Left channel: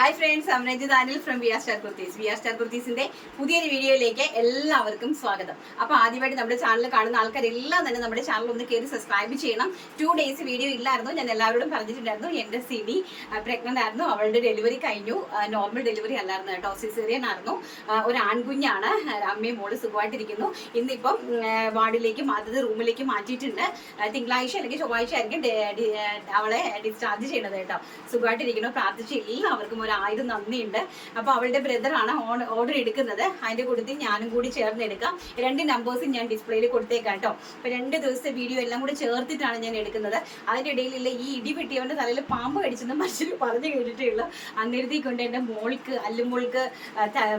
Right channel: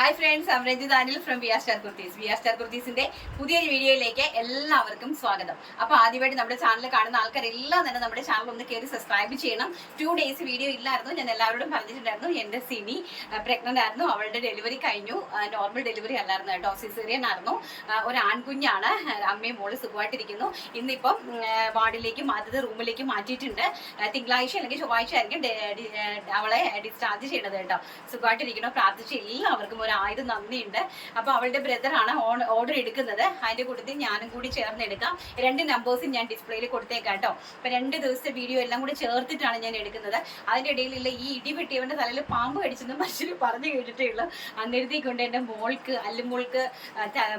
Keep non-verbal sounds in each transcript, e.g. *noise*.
Hi friends I'm Danil from V R star Kurtis V R star കുർത്തീസിന്റെ പുതിയൊരു വീഡിയോയിലേക്ക് എല്ലാവർക്കും സ്വാഗതം. അപ്പോൾ ആദ്യമായിട്ട് നമ്മുടെ ചാനൽ കാണുന്ന ആൾക്കാരെല്ലാം തന്നെ നമ്മുടെ ചാനൽ ഒന്ന് കയറി സബ്സ്ക്രൈബ് ചെയ്യണം. ടു ഡേയ്സ് വീഡിയോ ഇല്ലായിരുന്നു. ഞാൻ എല്ലാവരോടും പറഞ്ഞിട്ടുണ്ടായിരുന്നു. എന്റെ സിനി പ്രഗ്നന്റ് ആയിരുന്നു. അവളുടെ ഡെലിവറി കഴിഞ്ഞു. നോർമൽ ഡെലിവറി അല്ലായിരുന്നു കേട്ടോ. സിസേറിയൻ ആയിരുന്നു. ഒരു ആൺകുഞ്ഞാണ് അമ്മയും മോൾ സുഖമായിട്ടിരിക്കുന്നു. ഇന്നിപ്പം വാർഡിലേക്ക് മാറ്റത് റൂമിലേക്ക് മാറ്റിയിട്ടുണ്ട്. തിങ്കളാഴ്ച അല്ലെങ്കിൽ ചൊവ്വാഴ്ച ആയിരിക്കും അവളെ ഡിസ്ചാർജ് ചെയ്യണത് കേട്ടോ. സുഖമായിട്ടിരിക്കണം പ്രാർത്ഥിച്ച് എല്ലാവർക്കും ഒരു ആയിരം നന്ദിയുണ്ട്. അപ്പൊ അവളുടെ ബ്രദറാണ് ഓർഡർ എടുക്കുന്നത്. അതിന്റെ കൂട്ടത്തിൽ ഞാനും കൂടി ചേർന്ന് എടുക്കാം രണ്ട് നമ്പേഴ്സും ഞാൻ ഡിസ്പ്ലേയിൽ കൊടുത്തേക്കാം കേട്ടോ. അപ്പോൾ രണ്ട് ദിവസത്തെ വീഡിയോ എല്ലാം കൂടി ചേർത്തിട്ടാണ് ഞാൻ എടുക്കുന്നത്. അതിന്റെ ഇടയിലുള്ള ഈ ഇടി വെട്ടിയവന്റെ തലയിൽ പാമ്പ് കടിച്ചെന്ന് മനുഷ്യർ പറഞ്ഞു കേട്ടിട്ടേ ഉള്ളൂ. അങ്ങനത്തെ കൊണ്ട് എന്റെ മോൾക്ക് അല്ലുമോൾക്ക്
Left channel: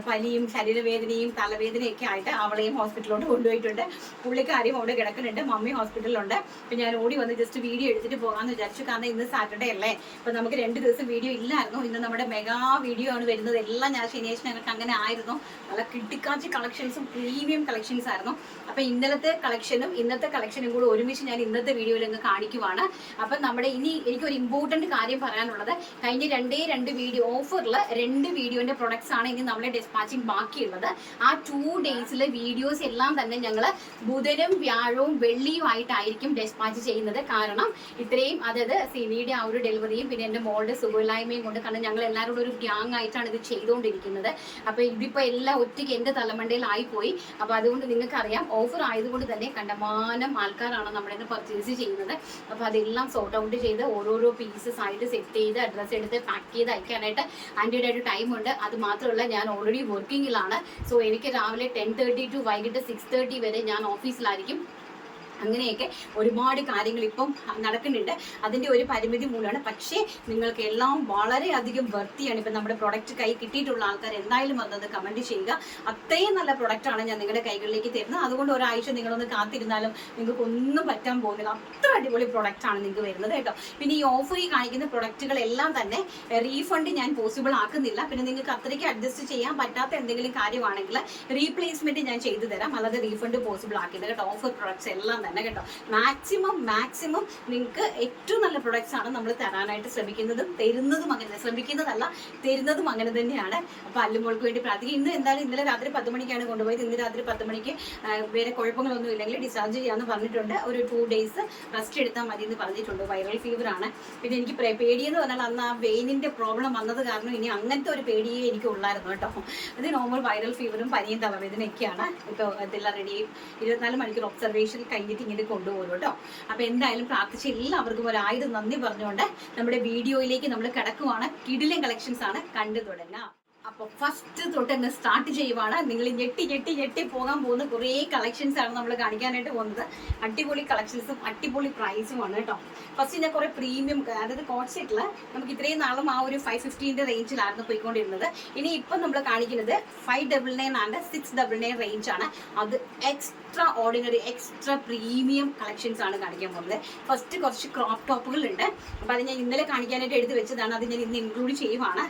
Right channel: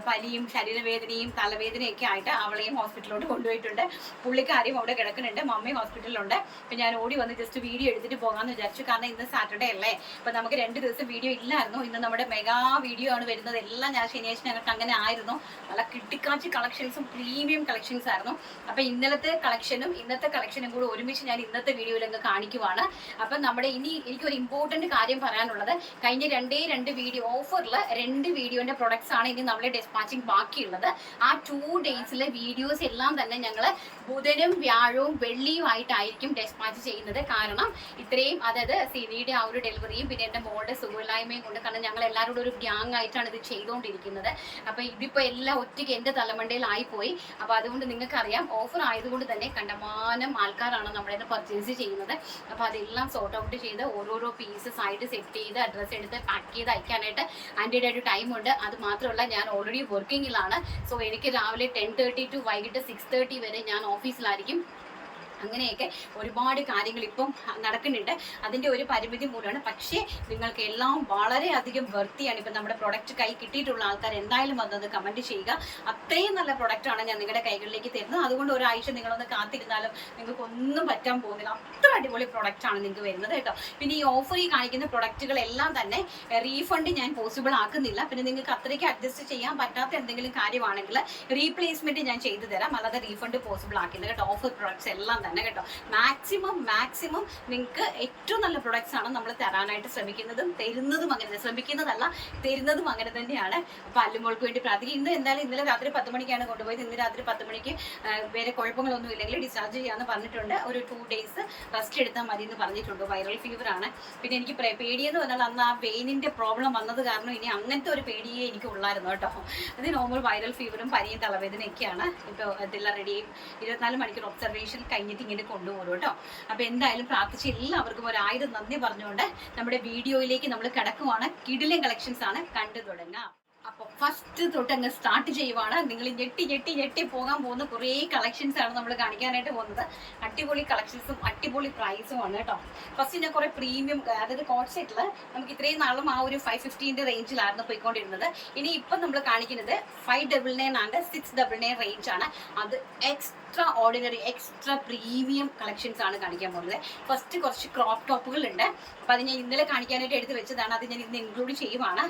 പനിയും ശരീരവേദനയും തലവേദനയൊക്കെ ആയിട്ട് അവളെയും ഹോസ്പിറ്റലിലോട്ട് കൊണ്ടുപോയിട്ടുണ്ട്. പുള്ളിക്കാരും അവിടെ കിടക്കുന്നുണ്ട്. മമ്മയും ഹോസ്പിറ്റലിലുണ്ട് ഇപ്പൊ ഞാൻ ഓടി വന്ന് ജസ്റ്റ് വീഡിയോ എടുത്തിട്ട് പോകാന്ന് വിചാരിച്ചു. കാരണം ഇന്ന് സാറ്റർഡേ അല്ലേ? അപ്പൊ നമുക്ക് രണ്ട് ദിവസം വീഡിയോ ഇല്ലായിരുന്നു. ഇന്ന് നമ്മുടെ മെഗാ വീഡിയോ ആണ് വരുന്നത്. എല്ലാം ഞാൻ ശനിയാഴ്ച ഞങ്ങൾക്ക് അങ്ങനെ ആയിരുന്നു. നല്ല കിട്ടിക്കാച്ചി കളക്ഷൻസും പ്രീമിയം കളക്ഷൻസ് ആയിരുന്നു. അപ്പൊ ഇന്നലത്തെ കളക്ഷനും ഇന്നത്തെ കളക്ഷനും കൂടി ഒരുമിച്ച് ഞാൻ ഇന്നത്തെ വീഡിയോയിൽ അങ്ങ് കാണിക്കുവാണ്. അപ്പൊ നമ്മുടെ ഇനി എനിക്ക് ഒരു ഇമ്പോർട്ടന്റ് കാര്യം പറയാനുള്ളത്. കഴിഞ്ഞ രണ്ടേ രണ്ട് വീഡിയോ ഓഫറിൽ രണ്ട് വീഡിയോന്റെ പ്രൊഡക്ട്സ് ആണ് ഇനി നമ്മുടെ ഡെസ്പാച്ചിങ് ബാക്കിയുള്ളത്. ആ ടു ഡേയ്സിലെ വീഡിയോസ് എല്ലാം തന്നെ ഞങ്ങൾ ബുധനും വ്യാഴവും വെള്ളിയും ആയിട്ടായിരിക്കും ഡെസ്പാച്ച് ചെയ്യുന്നത്. കാരണം ഇത്രയും അതായത് സിനിയുടെ ആ ഒരു ഡെലിവറിയും പിന്നെ എന്റെ മോളുടെ സുഖമില്ലായ്മയും കൊണ്ട് കാരണം ഞങ്ങൾ എല്ലാവരോടും ഒരു ഗ്യാങ് ആയിട്ടാണ് ഇത് ചെയ്തുകൊണ്ടിരിക്കുന്നത് അപ്പോൾ ഇതിപ്പോ എല്ലാം ഒറ്റയ്ക്ക് എന്റെ തലമണ്ടയിലായി പോയി. അപ്പോൾ അതുകൊണ്ട് നിങ്ങൾക്ക് അറിയാം ഓഫർ ആയതുകൊണ്ട് തന്നെ കണ്ടമാനം ആൾക്കാരാണ് നമ്മുടെ പർച്ചേസ് ചെയ്യുന്നത്. അപ്പോൾ അതെല്ലാം സോർട്ട് ഔട്ട് ചെയ്ത് ഓരോരോ പീസസ് ആയിട്ട് സെറ്റ് ചെയ്ത് അഡ്രസ്സ് എടുത്ത് പാക്ക് ചെയ്ത് അയക്കാനായിട്ട് അതിന്റെ ഒരു ടൈം ഉണ്ട്. അത് മാത്രമല്ല ഞാൻ ഓൾറെഡി വർക്കിങ്ങിലാണ് സോ എനിക്ക് രാവിലെ ടെൻ തേർട്ടി ടു വൈകിട്ട് സിക്സ് തേർട്ടി വരെ ഞാൻ ഓഫീസിലായിരിക്കും അങ്ങനെയൊക്കെ ഒരുപാട് കാര്യങ്ങൾ ഇപ്പം നടക്കുന്നുണ്ട്. അതിന്റെ ഒരു പരിമിതി മൂലമാണ്. പക്ഷേ നിങ്ങൾക്ക് എല്ലാം വളരെയധികം വൃത്തിയാണ് ഇപ്പം നമ്മുടെ പ്രൊഡക്റ്റ് കൈ കിട്ടിയിട്ടുള്ള ആൾക്കാർ. എന്തായാലും വന്നത് കമന്റ് ചെയ്യുക. അത്രയും നല്ല പ്രൊഡക്റ്റാണ് ഞാൻ നിങ്ങളുടെ കൈകളിലേക്ക് തരുന്നത്. അതുകൊണ്ട് ഒരാഴ്ച നിങ്ങളൊന്ന് കാത്തിരുന്നാലും നിങ്ങൾക്ക് ഒന്നും പറ്റാൻ പോകുന്നില്ല. അത്ര അടിപൊളി പ്രൊഡക്റ്റാണ് നിങ്ങൾക്ക് വരുന്നത് കേട്ടോ. പിന്നെ ഈ ഓഫറിൽ കാണിക്കുന്ന പ്രൊഡക്റ്റുകളെല്ലാം തന്നെ റീഫണ്ട് ഞാൻ പോസിബിൾ ആക്കുന്നില്ല. പിന്നെ നിങ്ങൾക്ക് അത്രയ്ക്ക് അഡ്ജസ്റ്റ് ചെയ്യാൻ പറ്റാത്ത എന്തെങ്കിലും കാര്യമാണെങ്കിൽ റീപ്ലേസ്മെന്റ് ഞാൻ ചെയ്തു തരാം. അല്ലാതെ റീഫണ്ട് പോസിബിൾ ആക്കില്ല. കേട്ടോ ഓഫർ പ്രൊഡക്ട്സ് എല്ലാം തന്നെ. കേട്ടോ. മാക്സിമം മാക്സിമം നിങ്ങൾക്ക് ഏറ്റവും നല്ല പ്രൊഡക്ട്സ് ആണ് നമ്മൾ തരാനായിട്ട് ശ്രമിക്കുന്നതും തരുന്നതും അങ്ങനെ തന്നെ. ശ്രമിക്കുന്നതല്ല തരുന്നതും അങ്ങനെ തന്നെയാണ്. അപ്പൊ അല്ലുമോൾക്ക് വേണ്ടി പ്രാർത്ഥിക്കും. ഇന്ന് എന്തായാലും ഇന്നലെ രാത്രി പത്ത് മണിക്കാണ് കൊണ്ടുപോയത്. ഇന്ന് രാത്രി പത്ത് മണിക്ക് വേറെ കുഴപ്പങ്ങളൊന്നും ഇല്ലെങ്കിൽ ഡിസ്ചാർജ് ചെയ്യാമെന്ന് പറഞ്ഞിട്ടുണ്ട്. ഒരു ടു ഡേയ്സ് റെസ്റ്റ് എടുത്താൽ മതി എന്ന് പറഞ്ഞിട്ടുണ്ട്. വൈറൽ ഫീവർ ആണ്. പിന്നെ എനിക്ക് പേടിയെന്ന് പറഞ്ഞാൽ അന്ന് ആ വെയിനിന്റെ പ്രോബ്ലം വന്നത് കാരണം ഇനി അങ്ങനത്തെ ഒരു പേടിയേ എനിക്ക് ഉള്ളായിരുന്നു കേട്ടോ. അത് നോർമൽ വൈറൽ ഫീവറും പനിയും തലവേദനയൊക്കെയാണ്. ഇപ്പോൾ ഇതെല്ലാം റെഡി ഇരുപത്തിനാല് മണിക്കൂർ ഒബ്സർവേഷൻ കഴിഞ്ഞിട്ട് ഇങ്ങനെ കൊണ്ടുപോകും കേട്ടോ. അപ്പോൾ എന്തായാലും പ്രാർത്ഥിച്ച് എല്ലാവർക്കും ഒരു ആയിരം നന്ദി പറഞ്ഞുകൊണ്ട് നമ്മുടെ വീഡിയോയിലേക്ക് നമ്മൾ കിടക്കുവാണ്. കിടിലൻ കളക്ഷൻസ് ആണ് കണ്ടു തുടങ്ങാം. അപ്പൊ ഫസ്റ്റ് തൊട്ട് അങ്ങ് സ്റ്റാർട്ട് ചെയ്യുവാണ്. നിങ്ങൾ ഞെട്ടി ഞെട്ടി ഞെട്ടി പോകാൻ പോകുന്ന കുറേ കളക്ഷൻസ് ആണ് നമ്മൾ കാണിക്കാനായിട്ട് പോകുന്നത്. അടിപൊളി കളക്ഷൻസും അടിപൊളി പ്രൈസുമാണ് കേട്ടോ. ഫസ്റ്റ് ഞാൻ കുറെ പ്രീമിയം അതായത് കോട്ട് സെറ്റിൽ നമുക്ക് ഇത്രയും നാളും ആ ഒരു ഫൈവ് ഫിഫ്റ്റീന്റെ റേഞ്ചിലായിരുന്നു പോയിക്കൊണ്ടിരുന്നത്. ഇനി ഇപ്പം നമ്മൾ കാണിക്കുന്നത് five double nine and six double nine range ആണ്. അത് extra ordinary extra premium collections ആണ് കാണിക്കാൻ പോകുന്നത്. ഫസ്റ്റ് കുറച്ച് ക്രോപ്പ് ടോപ്പുകൾ ഉണ്ട്. അപ്പോൾ അത് ഞാൻ ഇന്നലെ കാണിക്കാനായിട്ട് എടുത്ത് വെച്ചതാണ്. അത് ഞാൻ ഇന്ന് ഇൻക്ലൂഡ് ചെയ്യുവാണ്.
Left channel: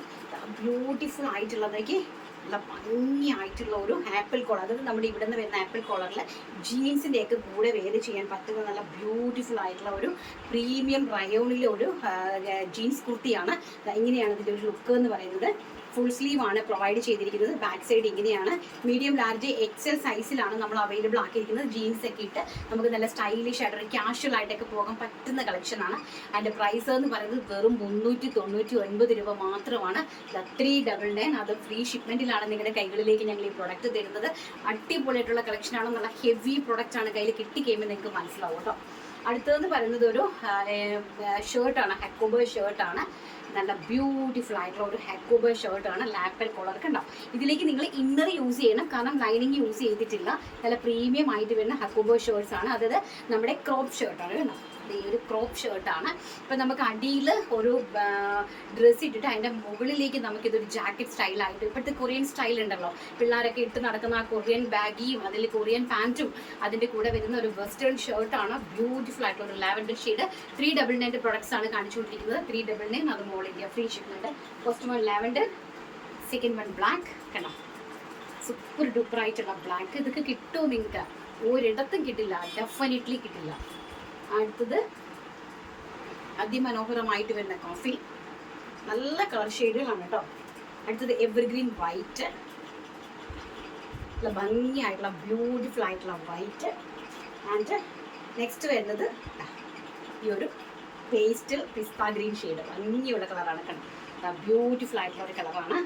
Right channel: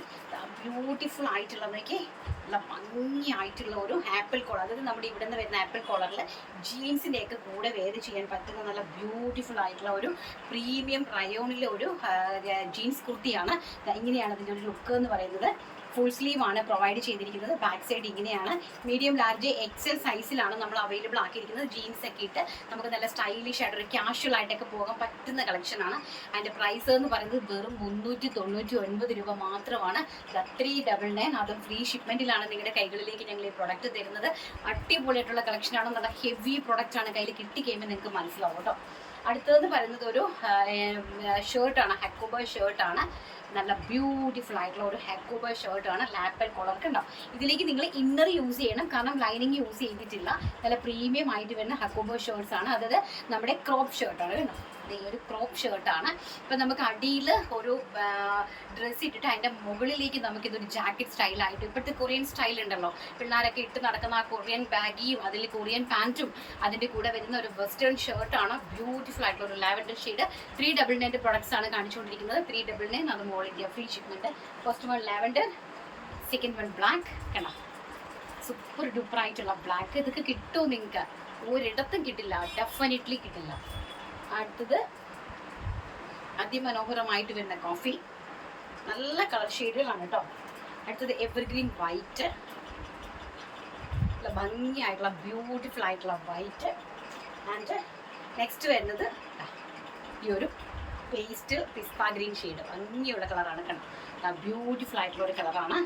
ബ്യൂട്ടിഫുൾ ആയിട്ടുള്ള നോക്കി നല്ല ഭംഗിയായിട്ടുള്ള ഒരു ആപ്പിൾ കോളർ. അതായത് നമ്മുടെ ഇവിടെ നിന്ന് വരുന്ന ആപ്പിൾ കോളറിൽ ജീൻസിന്റെയൊക്കെ കൂടെ വേറെ ചെയ്യാൻ പറ്റുന്ന നല്ല ബ്യൂട്ടിഫുൾ ആയിട്ടുള്ള ഒരു പ്രീമിയം റയോണിലെ ഒരു ജീൻസ് കുർത്തിയാണ്. ഇങ്ങനെയാണ് ഇതിന്റെ ഒരു ലുക്ക് എന്ന് പറയുന്നത്. ഫുൾ സ്ലീവ് ആണ് പ്രൊവൈഡ് ചെയ്തിരിക്കുന്നത്. ബാക്ക് സൈഡ് ഇങ്ങനെയാണ്. മീഡിയം ലാർജ് എക്സൽ സൈസിലാണ് നമ്മൾ അവൈലബിൾ ആക്കിയിരിക്കുന്നത്. ജീൻസ് ഒക്കെ ഇട്ട് നമുക്ക് നല്ല സ്റ്റൈലിഷ് ആയിട്ട് ക്യാഷ്വൽ ആയിട്ടൊക്കെ പോകാൻ പറ്റുന്ന കളക്ഷനാണ് അതിന്റെ പ്രൈസ് എന്ന് പറയുന്നത് വെറും മുന്നൂറ്റി തൊണ്ണൂറ്റി ഒൻപത് രൂപ മാത്രമാണ്. ത്രീ ഡബിൾ നയൻ അത് ഫ്രീ ഷിപ്മെന്റിലാണ് നിങ്ങളുടെ കൈകളിലേക്ക് ഞങ്ങൾ ഈ പ്രൊഡക്റ്റ് തരുന്നത്. അടിപൊളിയായിട്ടുള്ള കളക്ഷനാണ് നല്ല ഹെവി പ്രൊഡക്റ്റ് ആണ് കയ്യിൽ കിട്ടിക്കഴിയുമ്പോൾ നിങ്ങൾക്ക് മനസ്സിലാവും കേട്ടോ. അടുത്തതെന്ന് പറയുന്നത് ഒരു ഷർട്ടാണ് ഹക്കുബ ഷർട്ടാണ് നല്ല ബ്യൂട്ടിഫുൾ ആയിട്ടുള്ള ഒരു ഹെക്കോബർ ഷർട്ടാണ് ലാപ്പൽ കോളർ കണ്ടോ ഇതിലേക്ക് നിങ്ങൾ ഇന്നർ യൂസ് ചെയ്യണം കാരണം ലൈനിങ് യൂസ് ചെയ്തിട്ടില്ല. നല്ല പ്രീമിയം ആയിട്ട് വരുന്ന ഹക്കോബോ ഷർട്ട്സ് ആണ്. അതായത് നമ്മുടെ ക്രോപ്പ് ഷർട്ടാണ് കേട്ടോ. ദേ ഒരു ക്രോപ്പ് ഷർട്ടാണ് ഇപ്പം നമുക്ക് അടിയിൽ ഒരു ഡ്രസ്സ് ഇട്ടിട്ട് അതിന്റെ മുകളിലേക്ക് നമുക്കിതൊരു ജാക്കറ്റ് സ്റ്റൈലായിട്ട് ഇപ്പോഴത്തെ കൊറിയൻ സ്റ്റൈൽ ഉണ്ടല്ലോ. പിള്ളേരൊക്കെ ഇട്ട് നടക്കുന്ന ആ കൊറിയൻ ബാഗിയും അതിൽ കൊറിയൻ പാന്റും അതിന്റെ കൂടെ വരുന്ന ഒരു വെസ്റ്റേൺ ഷർട്ടാണ് ബ്യൂട്ടിഫുൾ ആയിട്ടുള്ള ഒരു ലാവൻഡർ ഷെയ്ഡ് ത്രീ ഡബിൾ നയന്റെ പ്രൊഡക്ട്സ് ആണ് കാണിച്ചുകൊണ്ടിരിക്കുന്നത്. ത്രീ ഡബിൾ നയൻ അത് all India free shipment first one lavender second one black കണ്ടോ? സൂപ്പർ ഡൂപ്പർ ആയിട്ടുള്ള ബ്ലാക്ക് ഇതൊക്കെ കിട്ടുമോ നിങ്ങൾക്ക്? ഒരിടത്തും കിട്ടില്ല. ഡെഫിനറ്റ്ലി കിട്ടില്ല. അടുത്തത് അതിമനോഹരമായിട്ട് വരുന്ന കോഫി നല്ല കളർ ഷെയ്ഡുകളാണ് കേട്ടോ. അടുത്തത് എവർഗ്രീൻ വൈറ്റ് ഭംഗിയായിട്ടുള്ള ബ്യൂട്ടിഫുൾ ആയിട്ടുള്ള വൈറ്റ് ആൻഡ് നെക്സ്റ്റ് വരുന്നത് ഈ ഒരു പേസ്റ്റ് പിസ്ത ഗ്രീൻ ഷെയ്ഡ് ഭംഗിയുള്ള കളറാണ് കണ്ടോ ബ്യൂട്ടിഫുൾ ആയിട്ടുള്ള ഒരു കളറാണ്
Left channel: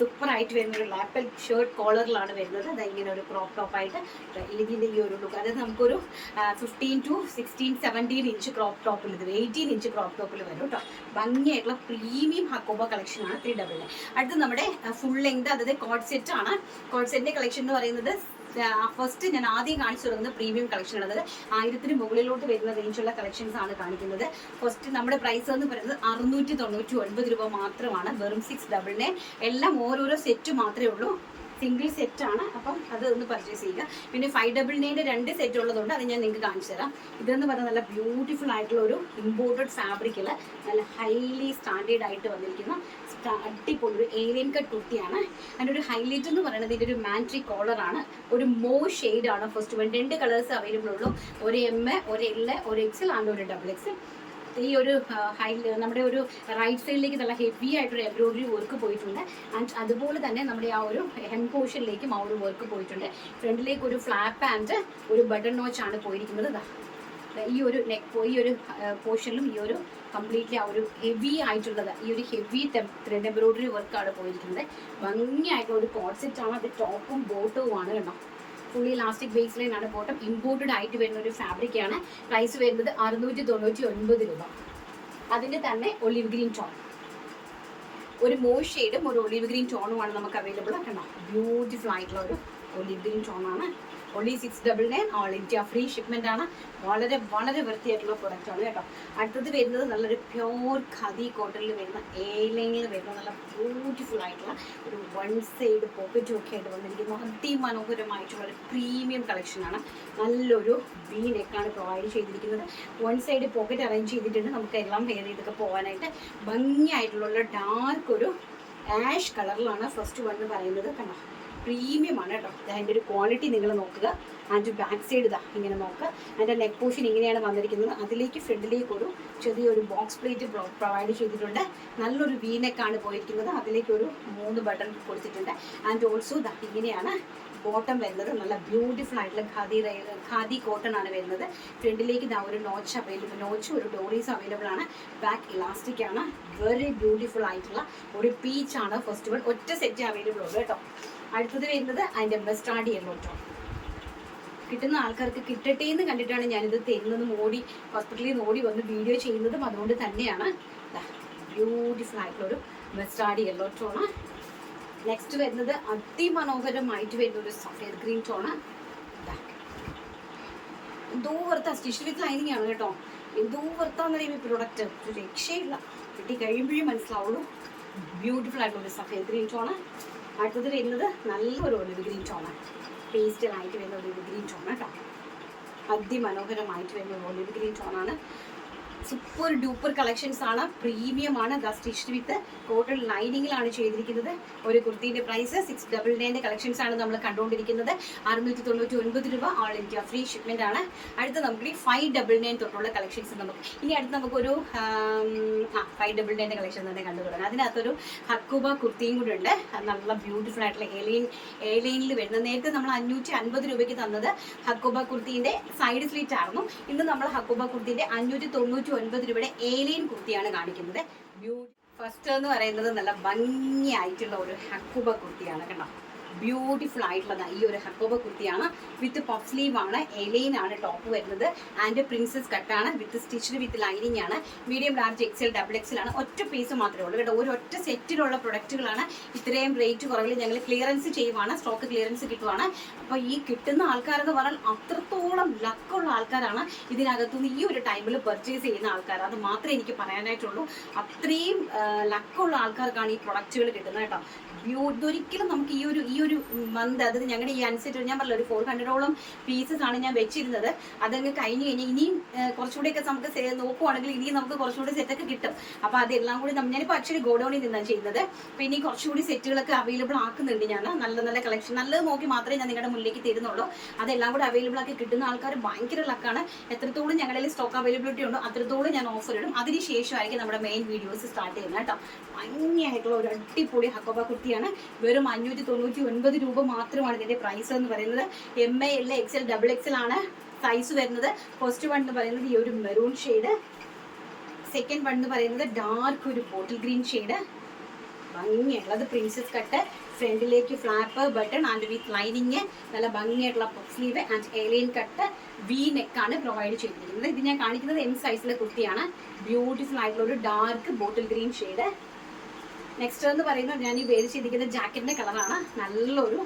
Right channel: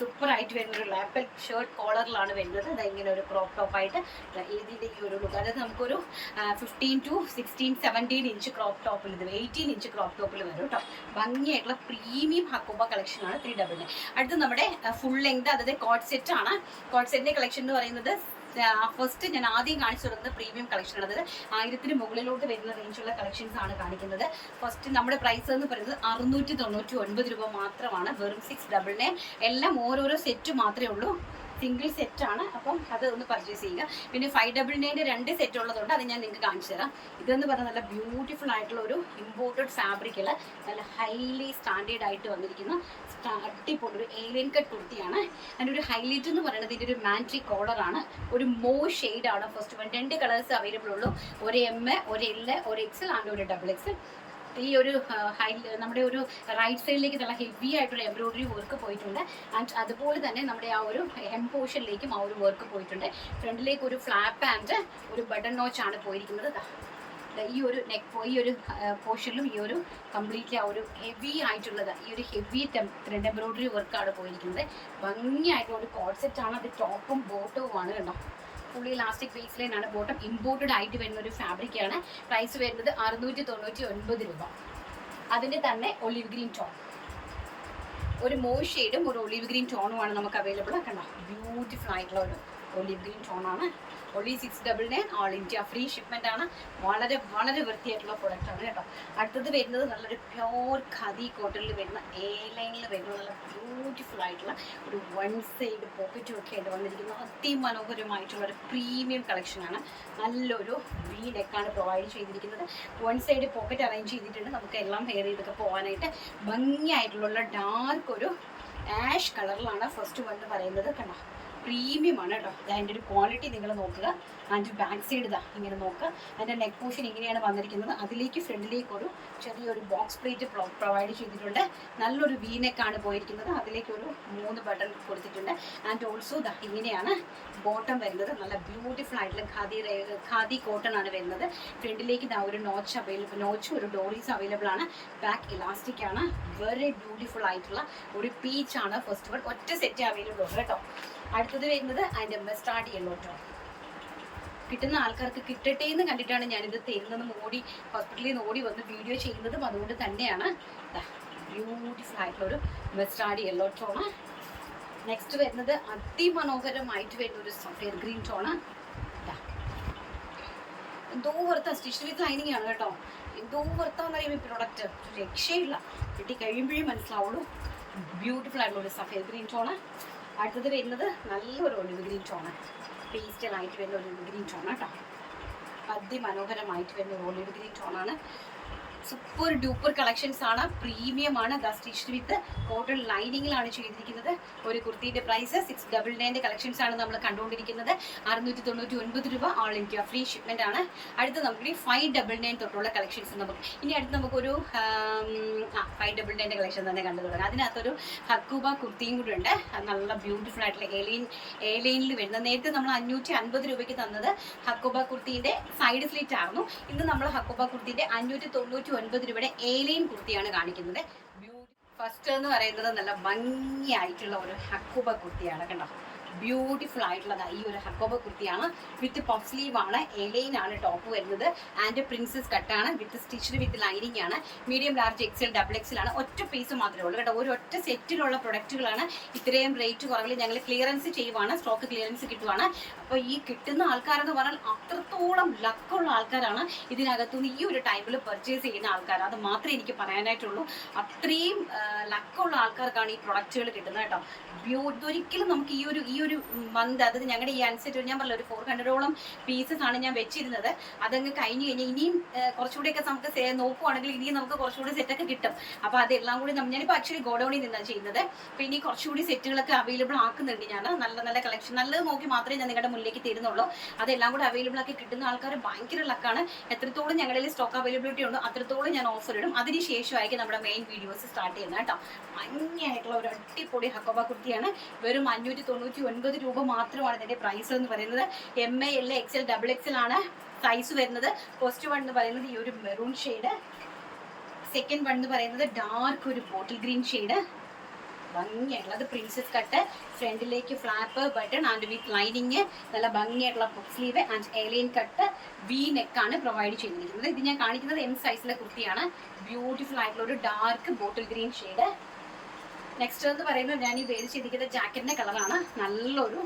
സൂപ്പർ ആയിട്ട് വരുന്ന ഒരു ലാപ്പൽ ഷർട്ട് കോളറിലാണ് വരുന്നത്. അത് ഇങ്ങനെ ഒരു ക്രോപ്പ് ടോപ്പ് ആയിട്ട് ഏതിന്റെ ഈ ഒരു ലുക്ക് അതായത് നമുക്കൊരു fifteen to sixteen seventeen inch crop ടോപ്പിൽ ഇത് എയ്റ്റീൻ ഇഞ്ച് ക്രോപ്പ് ടോപ്പിൽ വരും കേട്ടോ ഭംഗിയായിട്ടുള്ള പ്രീമിയം ഹക്കോബ കളക്ഷൻ ആണ് ത്രീ ഡബിൾ അടുത്ത് നമ്മുടെ ഫുൾ ലെങ്ത് അതായത് കോഡ് സെറ്റ് ആണ്. കോഡ് സെറ്റിന്റെ കളക്ഷൻ എന്ന് പറയുന്നത് ഫസ്റ്റ് ഞാൻ ആദ്യം കാണിച്ചു തരുന്നത് പ്രീമിയം കളക്ഷൻ ഉള്ളത്. ആയിരത്തിന് മുകളിലോട്ട് വരുന്ന റേഞ്ചുള്ള കളക്ഷൻസ് ആണ് കാണിക്കുന്നത്. ഫസ്റ്റ് നമ്മുടെ പ്രൈസ് എന്ന് പറയുന്നത് അറുന്നൂറ്റി തൊണ്ണൂറ്റി ഒൻപത് രൂപ മാത്രമാണ്. വെറും സിക്സ് ഡബിൾ നയൻ എല്ലാം ഓരോരോ സെറ്റ് മാത്രമേ ഉള്ളൂ. സിംഗിൾ സെറ്റ് ആണ്. അപ്പം അത് ഒന്ന് പർച്ചേസ് ചെയ്യുക. പിന്നെ ഫൈവ് ഡബിൾ നയന്റെ രണ്ട് സെറ്റ് ഉള്ളതുകൊണ്ട് അത് ഞാൻ നിങ്ങൾക്ക് കാണിച്ചു തരാം. ഇതെന്ന് പറഞ്ഞാൽ നല്ല ബ്യൂട്ടിഫുൾ ആയിട്ടുള്ള ഒരു ഇമ്പോർട്ടഡ് ഫാബ്രിക്കിൽ നല്ല ഹൈലി സ്റ്റാൻഡേർഡ് ആയിട്ട് വന്നിരിക്കുന്ന അടിപൊളി ഒരു ഏലിയൻ കട്ട് കുർത്തിയാണ്. അതിന്റെ ഒരു ഹൈലൈറ്റ് എന്ന് പറയുന്നത് ഇതിന്റെ ഒരു മാൻട്രി കോളറാണ് ഒരു മോ ഷെയ്ഡാണ് ഫസ്റ്റ് വൺ രണ്ട് കളേഴ്സ് അവൈലബിൾ ഉള്ളൂ. ഒരു എം എ ഒരു എൽ ഒരു എക്സൽ ആൻഡ് ഒരു ഡബിൾ എക്സൽ ഈ ഒരു ഹൈ നമ്മുടെ ഒരു റൈറ്റ് സൈഡിലേക്ക് നല്ല ഹെവി ആയിട്ടൊരു എംബ്രോയിഡറി വർക്ക് പോയിട്ടുണ്ട്. ആൻഡ് അതുപോലെ തന്നെ നമ്മുടെ ആ ഒരു ഹെം പോർഷനിലേക്കും ആ ഒരു വർക്ക് പോയിട്ടുണ്ട്. ഫ്രണ്ടിലേക്ക് ഒരു ഫ്ലാപ്പ് ആൻഡ് ഒരു ബട്ടൺ നോച്ച് ആണ് പോയിരിക്കുന്നത്. ഈ ഒരു നെക്ക് ഈ ഒരു പോർഷനിലും ഈ ഒരു കംപ്ലീറ്റ്ലി ആ ഒരു ഹെവി ആയിട്ടുള്ളത് ഈ ഒരു ഹെവി ത്രെഡ് എംബ്രോയിഡറി വർക്കാണ് പോയിരിക്കുന്നത്. ഭംഗിയായിട്ടുള്ള ഒരു കോൺസെപ്റ്റ് ആണ് അത് ടോപ്പും ബോട്ടവുമാണ് കണ്ടോ? ഫുള്ളി ഇലാസ്റ്റിക് ബേസ് ലൈൻ ആണ് ബോട്ടം ഇമ്പോർട്ടഡ് ആയിട്ട് വരുന്ന ഒരു ഫാബ്രിക് ആണ്. പ്രൈസ് വരുന്നത് അറുന്നൂറ്റി തൊണ്ണൂറ്റി ഒൻപത് രൂപ. അതിന്റെ തന്നെ ഒലിവ് ഗ്രീൻ ടോൺ ഒരു മോ ഷെയ്ഡും ഒരു ഒലിവ് ഗ്രീൻ ടോണുമാണ് നമുക്ക് അവൈലബിൾ ആക്കണം ബ്യൂട്ടിഫുൾ ആയിട്ടുള്ള ഒരു ഒലിവ് ഗ്രീൻ ടോണാണ് ഒളി six double nine all India free shipment ആണ്. വളരെ വളരെ വൃത്തിയായിട്ടുള്ള പ്രൊഡക്റ്റ് ആണ് കേട്ടോ. അടുത്തത് വരുന്നത് നല്ലൊരു പ്യോർ ഖദി കോട്ടണിൽ വരുന്ന എ ലൈനിൽ വരുന്ന നല്ല ബ്യൂട്ടിഫുൾ ആയിട്ടുള്ള ഒരു വൺ സൈഡ് പോക്കറ്റും ഒക്കെ ആയിട്ട് വന്നിരിക്കുന്ന. അതിമനോഹരമായിട്ടുള്ള ഒരു പ്രീമിയം കളക്ഷനാണ് നല്ലൊരു വി നെക്കാണ് പ്രൊവൈഡ് ചെയ്തിരിക്കുന്നത്. വൺ സൈഡ് പോക്കറ്റ് അറേഞ്ച് ചെയ്തിട്ടുണ്ട്. നമുക്ക് എല്ലാം വേർ ചെയ്തൊക്കെ പോകാനായിട്ട് ഭംഗിയായിട്ടുള്ള ഡാർക്ക് ഒരു ആഷ് കളറിലാണ് ഫസ്റ്റ് വൺ പറയുന്നത്. കണ്ടോ? പ്രീമിയം ആണ് കേട്ടോ അതിന്റെ ഒരു ക്വാളിറ്റി നിങ്ങൾ നോക്കുക. അതിന്റെ ബാക്ക് സൈഡ് ഇതാ ഇങ്ങനെ നോക്കുക. അതിന്റെ നെക്ക് പോഷൻ ഇങ്ങനെയാണ് വന്നിരിക്കുന്നത്. അതിലേക്ക് ഫ്രണ്ടിലേക്ക് ഒരു ചെറിയൊരു ബോക്സ് പ്ലേറ്റ് പ്രൊവൈഡ് ചെയ്തിട്ടുണ്ട്. നല്ലൊരു വീനെക്കാണ് പോയിരിക്കുന്നത്. അതിലേക്ക് ഒരു മൂന്ന് ബട്ടൺ കൊടുത്തിട്ടുണ്ട്. ആൻഡ് ഓൾസോ ഇതാ ഇങ്ങനെയാണ് ബോട്ടം വരുന്നത്. നല്ല ബ്യൂട്ടിഫുൾ ആയിട്ടുള്ള ഖാദി ഖാദി കോട്ടൺ ആണ് വരുന്നത്. ഫ്രണ്ടിലേക്ക് ഇതാ ഒരു നോച്ച് അവൈലബിൾ നോച്ച് ഒരു ഡോറീസ് അവൈലബിൾ ആണ്. ബാക്ക് ഇലാസ്റ്റിക് ആണ്. വെരി ബ്യൂട്ടിഫുൾ ആയിട്ടുള്ള ഒരു പീച്ച് ആണ്. ഫസ്റ്റ് വൺ ഒറ്റ സെറ്റ് അവൈലബിൾ ഉള്ളൂ കേട്ടോ. അടുത്തത് വരുന്നത് അതിന്റെ മസ്റ്റാർഡ് യെല്ലോ ടോൺ കിട്ടുന്ന ആൾക്കാർക്ക് കിട്ടട്ടെ എന്ന് കണ്ടിട്ടാണ് ഞാനിത് തരുന്നതും ഓടി ഹോസ്പിറ്റലിൽ നിന്ന് ഓടി വന്ന് വീഡിയോ ചെയ്യുന്നതും അതുകൊണ്ട് തന്നെയാണ്. ബ്യൂട്ടിഫുൾ ആയിട്ടുള്ള ഒരു മസ്റ്റാർഡ് യെല്ലോ ടോണ് നെക്സ്റ്റ് വരുന്നത് അതിമനോഹരമായിട്ട് വരുന്ന ഒരു സഫേദ് ഗ്രീൻ ടോണ് എന്തോ വെറുത്ത സ്റ്റിച്ച് വിത്ത് ഐനിങ് ആണ് കേട്ടോ. എന്തോ അറിയുമ്പോൾ ഈ പ്രൊഡക്റ്റ് രക്ഷയില്ല. കിട്ടി കഴിയുമ്പോഴേ മനസ്സിലാവുള്ളൂ. ബ്യൂട്ടിഫുൾ ആയിട്ടുള്ള ഒരു സഫേദ് ഗ്രീൻ ടോണ് അടുത്തത് വരുന്നത് നല്ലൊരു ഒലിവ് ഗ്രീൻ ടോണ് പേസ്റ്റലായിട്ട് വരുന്ന ഒലിവ് ഗ്രീൻ ടോൺ കേട്ടോ. അതിമനോഹരമായിട്ട് വരുന്ന ഒലിവ് ഗ്രീൻ ടോണാണ് സൂപ്പർ ഡൂപ്പർ കളക്ഷൻസ് ആണ്. പ്രീമിയം ആണ്. ദ സ്റ്റിച്ച് വിത്ത് കോട്ടൺ ലൈനിങ്ങിലാണ് ചെയ്തിരിക്കുന്നത്. ഒരു കുർത്തിന്റെ പ്രൈസ് സിക്സ് ഡബിൾ നയന്റെ കളക്ഷൻസ് ആണ് നമ്മൾ കണ്ടുകൊണ്ടിരിക്കുന്നത്. അറുന്നൂറ്റി തൊണ്ണൂറ്റി ഒൻപത് രൂപ ആൾ ഇന്ത്യ ഫ്രീ ഷിപ്മെന്റ് ആണ്. അടുത്ത് നമുക്ക് ഫൈവ് ഡബിൾ നയൻ തൊട്ടുള്ള കളക്ഷൻസ് നമുക്ക് ഇനി അടുത്ത് നമുക്കൊരു ഫൈവ് ഡബിൾ നയന്റെ കളക്ഷൻ തന്നെ കണ്ടു തുടങ്ങാം. അതിനകത്തൊരു ഹക്കൂബ കുർത്തിയും കൂടെ ഉണ്ട്. നല്ല ബ്യൂട്ടിഫുൾ ആയിട്ടുള്ള ഏലിയൻ എലൈനിൽ വരുന്നത്. നേരത്തെ നമ്മൾ അഞ്ഞൂറ്റി അൻപത് രൂപയ്ക്ക് തന്നത് ഹക്കൂബ കുർത്തിന്റെ സൈഡ് സ്ലിറ്റ് ആയിരുന്നു. ഇന്ന് നമ്മൾ ഹക്കൂബ കുർത്തിന്റെ അഞ്ഞൂറ്റി ഒൻപത് രൂപയുടെ ഏലിയൻ കുർത്തിയാണ് കാണിക്കുന്നത്. ഫസ്റ്റ് എന്ന് പറയുന്നത് നല്ല ഭംഗിയായിട്ടുള്ള ഒരു ഹക്കുബ കുർത്തിയാണ് കണ്ടോ? ബ്യൂട്ടിഫുൾ ആയിട്ടുള്ള ഈ ഒരു ഹക്കോബ കുർത്തിയാണ്. വിത്ത് പഫ് സ്ലീവ് ആണ്. എലൈൻ ആണ് ടോപ്പ് വരുന്നത് ആൻഡ് പ്രിൻസസ് കട്ടാണ് വിത്ത് സ്റ്റിച്ച്ഡ് വിത്ത് ലൈനിങ് ആണ്. Medium large XL double XL ആണ്. ഒറ്റ പീസ് മാത്രമേ ഉള്ളൂ കേട്ടോ. ഒരു ഒറ്റ സെറ്റിലുള്ള പ്രൊഡക്റ്റുകളാണ് ഇത്രയും റേറ്റ് കുറവിൽ ഞങ്ങൾ ക്ലിയറൻസ് ചെയ്യുവാണ്. സ്റ്റോക്ക് ക്ലിയറൻസ് കിട്ടുവാണ്. അപ്പോൾ ഈ കിട്ടുന്ന ആൾക്കാരെന്ന് പറഞ്ഞാൽ അത്രത്തോളം ലക്കുള്ള ആൾക്കാരാണ് ഇതിനകത്തുനിന്ന് ഈ ഒരു ടൈമിൽ പർച്ചേസ് ചെയ്യുന്ന ആൾക്കാർ അത് മാത്രമേ എനിക്ക് പറയാനായിട്ടുള്ളൂ. അത്രയും ലക്കുള്ള ആൾക്കാർക്കാണ് ഈ പ്രൊഡക്റ്റുകൾ കിട്ടുന്നത് കേട്ടോ. ബ്യൂ ഇതൊരിക്കലും നമുക്ക് ഈ ഒരു ഈ ഒരു മന്ത് അതായത് ഞങ്ങളുടെ ഈ അനുസരിച്ച് ഞാൻ പറഞ്ഞില്ല ഒരു ഫോർ ഹൺഡ്രഡോളം പീസസ് ആണ് ഞാൻ വെച്ചിരുന്നത്. അതങ്ങ് കഴിഞ്ഞ് കഴിഞ്ഞാൽ ഇനിയും കുറച്ചുകൂടെയൊക്കെ നമുക്ക് നോക്കുവാണെങ്കിൽ ഇനിയും നമുക്ക് കുറച്ചുകൂടി സെറ്റൊക്കെ കിട്ടും. അപ്പോൾ അതെല്ലാം കൂടി നമ്മൾ ഞാനിപ്പോൾ ആക്ച്വലി ഗോഡൌണിൽ നിന്നാണ് ചെയ്യുന്നത്. പിന്നെ ഈ കുറച്ചുകൂടി സെറ്റുകളൊക്കെ അവൈലബിൾ ആക്കുന്നുണ്ട് ഞാൻ നല്ല നല്ല കളക്ഷൻ നല്ലത് നോക്കി മാത്രമേ ഞാൻ നിങ്ങളുടെ മുന്നിലേക്ക് തരുന്നുള്ളൂ. അതെല്ലാം കൂടി അവൈലബിൾ ആക്കി കിട്ടുന്ന ആൾക്കാർ ഭയങ്കര ലക്കാണ് എത്രത്തോളം ഞങ്ങളുടെ സ്റ്റോക്ക് അവൈലബിലിറ്റി ഉണ്ടോ അത്രത്തോളം ഞാൻ ഓഫർ ഇടും. അതിനുശേഷമായിരിക്കും നമ്മുടെ മെയിൻ വീഡിയോസ് സ്റ്റാർട്ട് ചെയ്യുന്നത് കേട്ടോ. ഭംഗിയായിട്ടുള്ള ഒരു അടിപൊളി ഹക്കോബ കുർത്തിയാണ് വെറും അഞ്ഞൂറ്റി തൊണ്ണൂറ്റി ഒൻപത് രൂപ മാത്രമാണ് ഇതിന്റെ പ്രൈസ് എന്ന് പറയുന്നത്. M A L X L double X L ആണ് സൈസ് വരുന്നത്. ഫസ്റ്റ് വൺ എന്ന് പറയുന്നത് ഈ ഒരു മെറൂൺ ഷെയ്ഡ് സെക്കൻഡ് വൺ എന്ന് പറയുന്നത് ഡാർക്ക് ഒരു ബോട്ടിൽ ഗ്രീൻ ഷെയ്ഡ് ഭംഗിയായിട്ടുള്ളത് പ്രിൻസസ് കട്ട് ഫ്രണ്ടിലേക്ക് flap button and with lining നല്ല ഭംഗിയായിട്ടുള്ള puff sleeve and A line cut V neck ആണ് പ്രൊവൈഡ് ചെയ്തിരിക്കുന്നത്. ഇത് ഞാൻ കാണിക്കുന്നത് എം സൈസിലെ കുർത്തിയാണ് ബ്യൂട്ടിഫുൾ ആയിട്ടുള്ള ഒരു dark bottle green shade next എന്ന് പറയുന്നത് ഞാൻ ഈ വേര് ചെയ്തിരിക്കുന്ന ജാക്കറ്റിന്റെ കളറാണ് നല്ലൊരു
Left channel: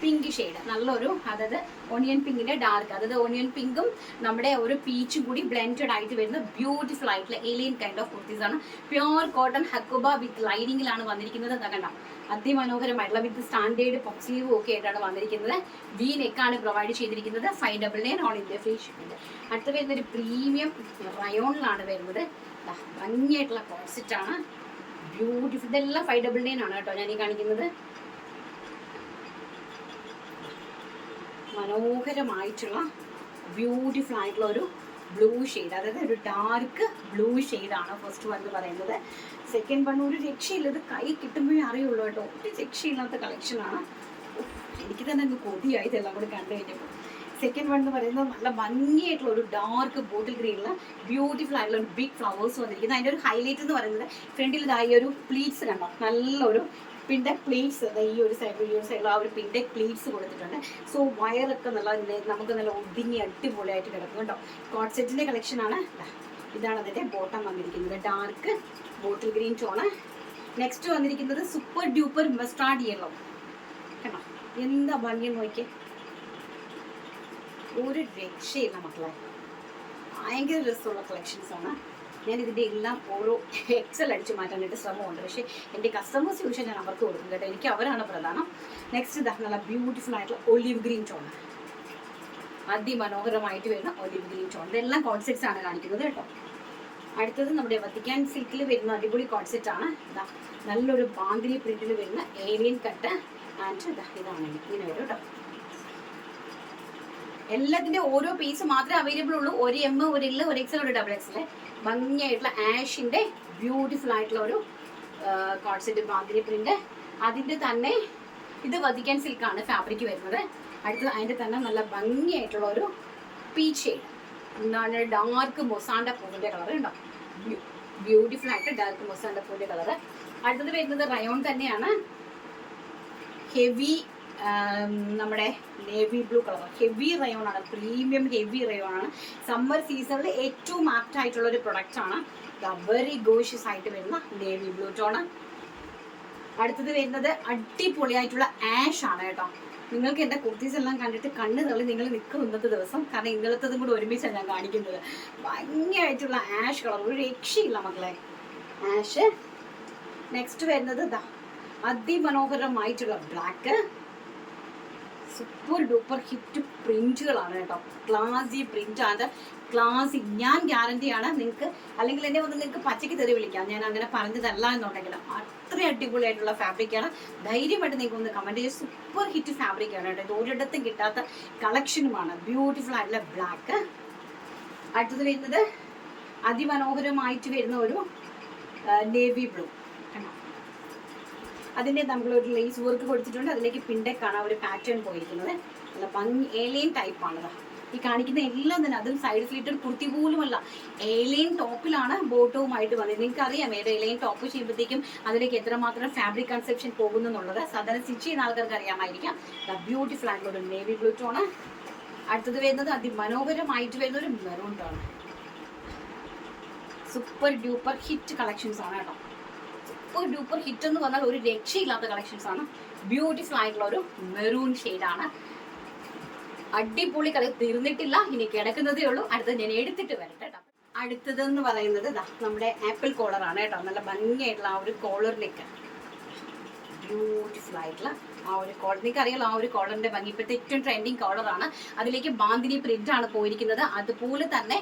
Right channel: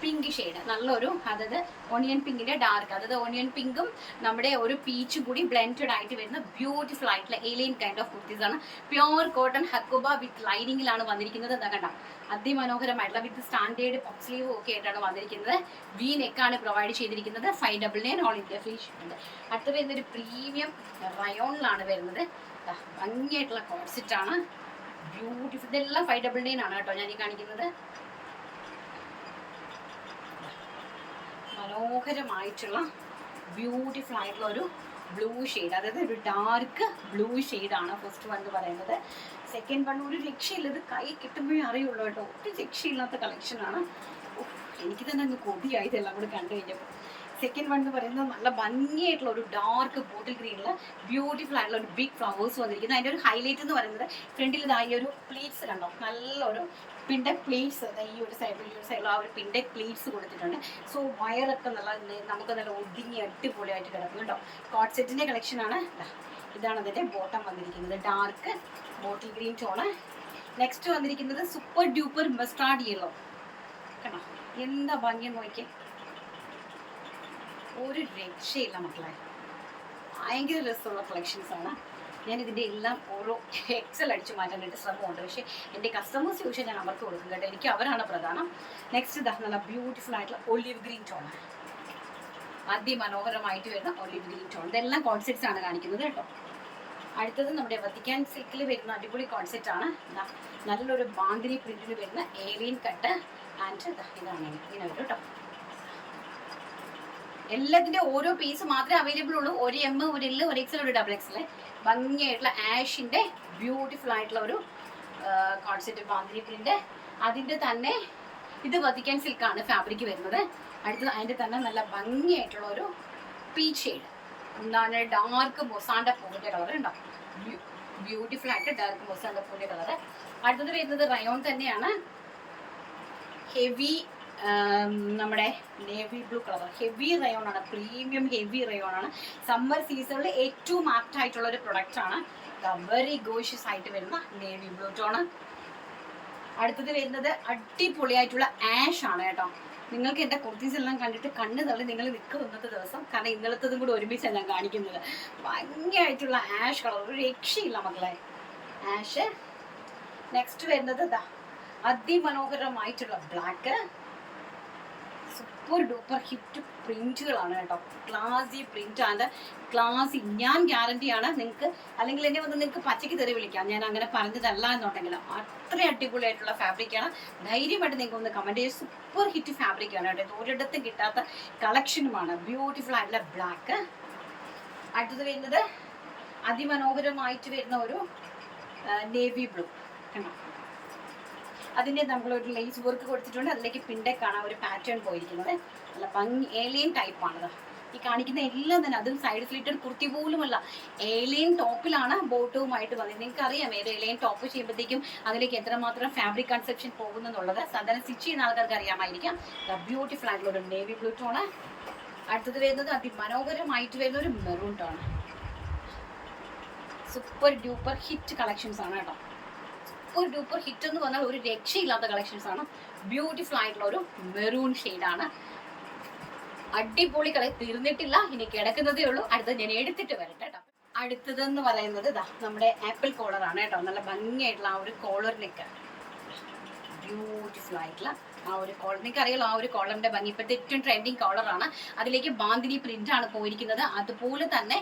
പിങ്ക് ഷെയ്ഡ് നല്ലൊരു അതായത് ഓണിയൻ പിങ്കിന്റെ ഡാർക്ക് അതായത് ഓണിയൻ പിങ്കും നമ്മുടെ ഒരു പീച്ചും കൂടി ബ്ലെൻഡഡ് ആയിട്ട് വരുന്ന ബ്യൂട്ടിഫുൾ ആയിട്ടുള്ള ഏലിയൻ കൈൻഡ് ഓഫ് കുർത്തീസ് ആണ്. പ്യോർ കോട്ടൺ ഹക്കുബ വിത്ത് ലൈനിങ്ങിലാണ് വന്നിരിക്കുന്നത്. എന്താ കണ്ട? അതിമനോഹരമായിട്ടുള്ള വിത്ത് സ്റ്റാൻഡേർഡ് സ്ലീവും ഒക്കെ ആയിട്ടാണ് വന്നിരിക്കുന്നത്. വി നെക്കാണ് പ്രൊവൈഡ് ചെയ്തിരിക്കുന്നത്. Five double nine all India free shipping അടുത്ത വരുന്ന ഒരു പ്രീമിയം റയോണിലാണ് വരുന്നത്. ഭംഗിയായിട്ടുള്ള കോൺസെറ്റ് ആണ്. ബ്യൂട്ടിഫുൾ ഇതെല്ലാം ഫൈവ് ഡബിൾ നയൻ ആണ് കേട്ടോ ഞാൻ ഈ കാണിക്കുന്നത്. മനോഹരമായിട്ടുള്ള ബ്യൂട്ടിഫുൾ ആയിട്ടുള്ള ഒരു ബ്ലൂ ഷെയ്ഡ് അതായത് ഒരു ഡാർക്ക് ബ്ലൂ ആണ് ഫസ്റ്റ് വൺ എന്ന് പറയുന്നത്. സെക്കൻഡ് വൺ ഒരു രക്ഷയില്ല. ഇത് കൈ കിട്ടുമ്പോഴേ അറിയുള്ളൂ കേട്ടോ. ഒരു രക്ഷയില്ലാത്ത കളക്ഷനാണ് എനിക്ക് തന്നെ അങ്ങ് കൊതിയായി ഇതെല്ലാം കൂടി കണ്ടു കഴിഞ്ഞപ്പോൾ. സെക്കൻഡ് വൺ എന്ന് പറയുന്നത് നല്ല ഭംഗിയായിട്ടുള്ള ഒരു ഡാർക്ക് ബോട്ടിൽ ഗ്രീനിൽ ബ്യൂട്ടിഫുൾ ആയിട്ടുള്ള ഒരു ബിഗ് ഫ്ലവേഴ്സ് വന്നിരിക്കുന്നത് അതിന്റെ ഒരു ഹൈലൈറ്റ് എന്ന് പറയുന്നത് ഫ്രണ്ടിൽ ഇതായി ഒരു പ്ലീറ്റ്സ് കണ്ടോ? നല്ലൊരു പിന്റെ പ്ലീറ്റ്സ് ഈ ഒരു സൈഡിൽ ഈ ഒരു സൈഡിൽ ആ ഒരു പിന്റെ പ്ലീറ്റ്സ് കൊടുത്തിട്ടുണ്ട്. സോ വയറൊക്കെ നല്ല നമുക്ക് നല്ല ഒതുങ്ങി അടിപൊളിയായിട്ട് കിടക്കും കേട്ടോ. കളക്ഷൻ ആണ്. ഇതാണ് അതിന്റെ ബോട്ടം വന്നിരിക്കുന്നത്. Dark bottle green tone next വന്നിരിക്കുന്നത് സൂപ്പർ ഡ്യൂപ്പർ മസ്റ്റാർഡ് യെല്ലോ കണ്ടോ? എന്താ ഭംഗി നോക്കിയേ? ഒരു രക്ഷയില്ല മക്കളെ. ഭയങ്കര രസമുള്ള കളക്ഷൻസ് ആണ്. ഞാൻ ഇതിന്റെ എല്ലാം ഓരോ എക്സൽ അടിച്ചു മാറ്റാനായിട്ട് ശ്രമമുണ്ട്. പക്ഷേ എന്റെ കസ്റ്റമേഴ്സ് യൂഷൻ ഞാൻ അവർക്ക് കൊടുക്കും കേട്ടോ. എനിക്ക് അവരാണ് പ്രധാനം. നെക്സ്റ്റ് ഇതാ നല്ല ബ്യൂട്ടിഫുൾ ആയിട്ടുള്ള ഒലിവ് ഗ്രീൻ ടോൺ അതിമനോഹരമായിട്ട് വരുന്ന ഒലിവ് ഗ്രീൻ ടോൺ ഇതെല്ലാം കോൺസെപ്റ്റ്സ് ആണ് കാണിക്കുന്നത് കേട്ടോ. അടുത്തത് നമ്മുടെ വത്തിക്കാൻ സിൽക്കിൽ വരുന്ന അടിപൊളി കോൺസെപ്റ്റ് ആണ്. നല്ലൊരു ബാന്തിനി പ്രിന്റിൽ വരുന്ന ഏലിയൻ കട്ട് ആൻഡ് ഇതാ ഇതാണ്. ഇങ്ങനെ വരും കേട്ടോ. എല്ലാത്തിന്റെ ഓരോ പീസ് മാത്രമേ അവൈലബിൾ ഉള്ളൂ. ഒരു എം ഒരു എല്ല് ഒരു എക്സൽ ഒരു ഡബിൾ എക്സൽ ഭംഗിയായിട്ടുള്ള ആഷിന്റെ ബ്യൂട്ടിഫുൾ ആയിട്ടുള്ള ഒരു കോൺസെപ്റ്റ് ബാന്തിരി പ്രിന്റ് അതിന്റെ തന്നെ ഇത് വധിക്കാൻ സിൽക്കാണ് ഫാബ്രിക് വരുന്നത്. അടുത്തത് അതിന്റെ തന്നെ നല്ല ഭംഗിയായിട്ടുള്ള ഒരു പീച്ച് എന്താണ്? ഡാർക്ക് മൊസാണ്ട പൂവിന്റെ കളർ ഉണ്ടാവും ബ്യൂട്ടിഫുൾ ആയിട്ട് ഡാർക്ക് മൊസാണ്ട പൂവിന്റെ കളർ അടുത്തത് വരുന്നത് റയോൺ തന്നെയാണ്. ഹെവി നമ്മുടെ navy blue colour heavy rayon ആണ് പ്രീമിയം ഹെവി റയോൺ ആണ്. സമ്മർ സീസണിൽ ഏറ്റവും ആപ്റ്റ് ആയിട്ടുള്ള ഒരു പ്രൊഡക്റ്റ് ആണ് വെരി ഗോഷ്യസ് ആയിട്ട് വരുന്ന നേവി ബ്ലൂ ടോണ് അടുത്തത് വരുന്നത് അടിപൊളിയായിട്ടുള്ള ആഷ് ആണ് കേട്ടോ. നിങ്ങൾക്ക് എന്റെ കുർത്തീസ് എല്ലാം കണ്ടിട്ട് കണ്ണ് തള്ളി നിങ്ങൾ നിൽക്കും ഇന്നത്തെ ദിവസം. കാരണം ഇന്നലത്തതും കൂടി ഒരുമിച്ചാണ് ഞാൻ കാണിക്കുന്നത്. ഭംഗിയായിട്ടുള്ള ആഷ് കളർ ഒരു രക്ഷയില്ല മക്കളെ. ആഷ് നെക്സ്റ്റ് വരുന്നത് അതിമനോഹരമായിട്ടുള്ള ബ്ലാക്ക് സൂപ്പർ ഡൂപ്പർ ഹിറ്റ് പ്രിന്റുകളാണ് കേട്ടോ. ക്ലാസി പ്രിന്റ് ആണ്. ക്ലാസി ഞാൻ ഗ്യാരണ്ടി ആണ് നിങ്ങൾക്ക് അല്ലെങ്കിൽ എന്നെ വന്ന് നിങ്ങൾക്ക് പച്ചയ്ക്ക് തെറി വിളിക്കാം. ഞാൻ അങ്ങനെ പറഞ്ഞതല്ല എന്നുണ്ടെങ്കിൽ അത്ര അടിപൊളിയായിട്ടുള്ള ഫാബ്രിക്കാണ് ധൈര്യമായിട്ട് നിങ്ങൾക്ക് ഒന്ന് കമന്റ് ചെയ്ത് സൂപ്പർ ഹിറ്റ് ഫാബ്രിക് ആണ് കേട്ടോ. ഇത് ഒരിടത്തും കിട്ടാത്ത കളക്ഷനുമാണ് ബ്യൂട്ടിഫുൾ ആയിട്ടുള്ള ബ്ലാക്ക് അടുത്തത് വരുന്നത് അതിമനോഹരമായിട്ട് വരുന്ന ഒരു നേവി ബ്ലൂ കണ്ടോ? അതിന്റെ നമ്മളൊരു ലേസ് വർക്ക് കൊടുത്തിട്ടുണ്ട്. അതിലേക്ക് പിണ്ടേക്കാണ് ഒരു പാറ്റേൺ പോയിരിക്കുന്നത്. നല്ല ഭംഗി ഏലിയൻ ടൈപ്പാണ് ഈ കാണിക്കുന്ന എല്ലാം തന്നെ അതും സൈഡ് സ്ലിറ്റഡ് കുർത്തി പോലുമല്ല ഏലിയൻ ടോപ്പിലാണ് ബോട്ടവുമായിട്ട് വന്നത്. നിങ്ങൾക്ക് അറിയാം ഏത് ഏലിയൻ ടോപ്പ് ചെയ്യുമ്പോഴത്തേക്കും അതിലേക്ക് എത്രമാത്രം ഫാബ്രിക് കൺസെപ്ഷൻ പോകുന്നു എന്നുള്ളത്. സാധാരണ സ്റ്റിച്ച് ചെയ്യുന്ന ആൾക്കാർക്ക് അറിയാമായിരിക്കാം. ബ്യൂട്ടിഫുൾ ആയിട്ടുള്ള ഒരു നേവി ബ്ലൂ ടോണ് അടുത്തത് വരുന്നത് അതിമനോഹരമായിട്ട് വരുന്ന ഒരു maroon tone super duper hit collections ആണ് കേട്ടോ ഒരു ഡൂപ്പർ ഹിറ്റ് എന്ന് പറഞ്ഞാൽ ഒരു രക്ഷയില്ലാത്ത കളക്ഷൻസ് ആണ്. ബ്യൂട്ടിഫുൾ ആയിട്ടുള്ള ഒരു മെറൂൺ ആണ്. അടിപൊളി കളി തീർന്നിട്ടില്ല. ഇനി കിടക്കുന്നതേ ഉള്ളൂ. അടുത്തത് ഞാൻ എടുത്തിട്ട് വരട്ടെ കേട്ടോ. അടുത്തതെന്ന് പറയുന്നത് നമ്മുടെ ആപ്പിൾ കോളർ ആണ് കേട്ടോ. നല്ല ഭംഗിയായിട്ടുള്ള ആ ഒരു കോളറിലേക്ക് ബ്യൂട്ടിഫുൾ ആയിട്ടുള്ള ആ ഒരു കോളർ നിങ്ങൾക്ക് അറിയാലോ ആ ഒരു കോളറിന്റെ ഭംഗി ഇപ്പോഴത്തെ ഏറ്റവും ട്രെൻഡിങ് കോളറാണ് അതിലേക്ക് ബാന്തിനി പ്രിന്റ് ആണ് പോയിരിക്കുന്നത്. അതുപോലെ തന്നെ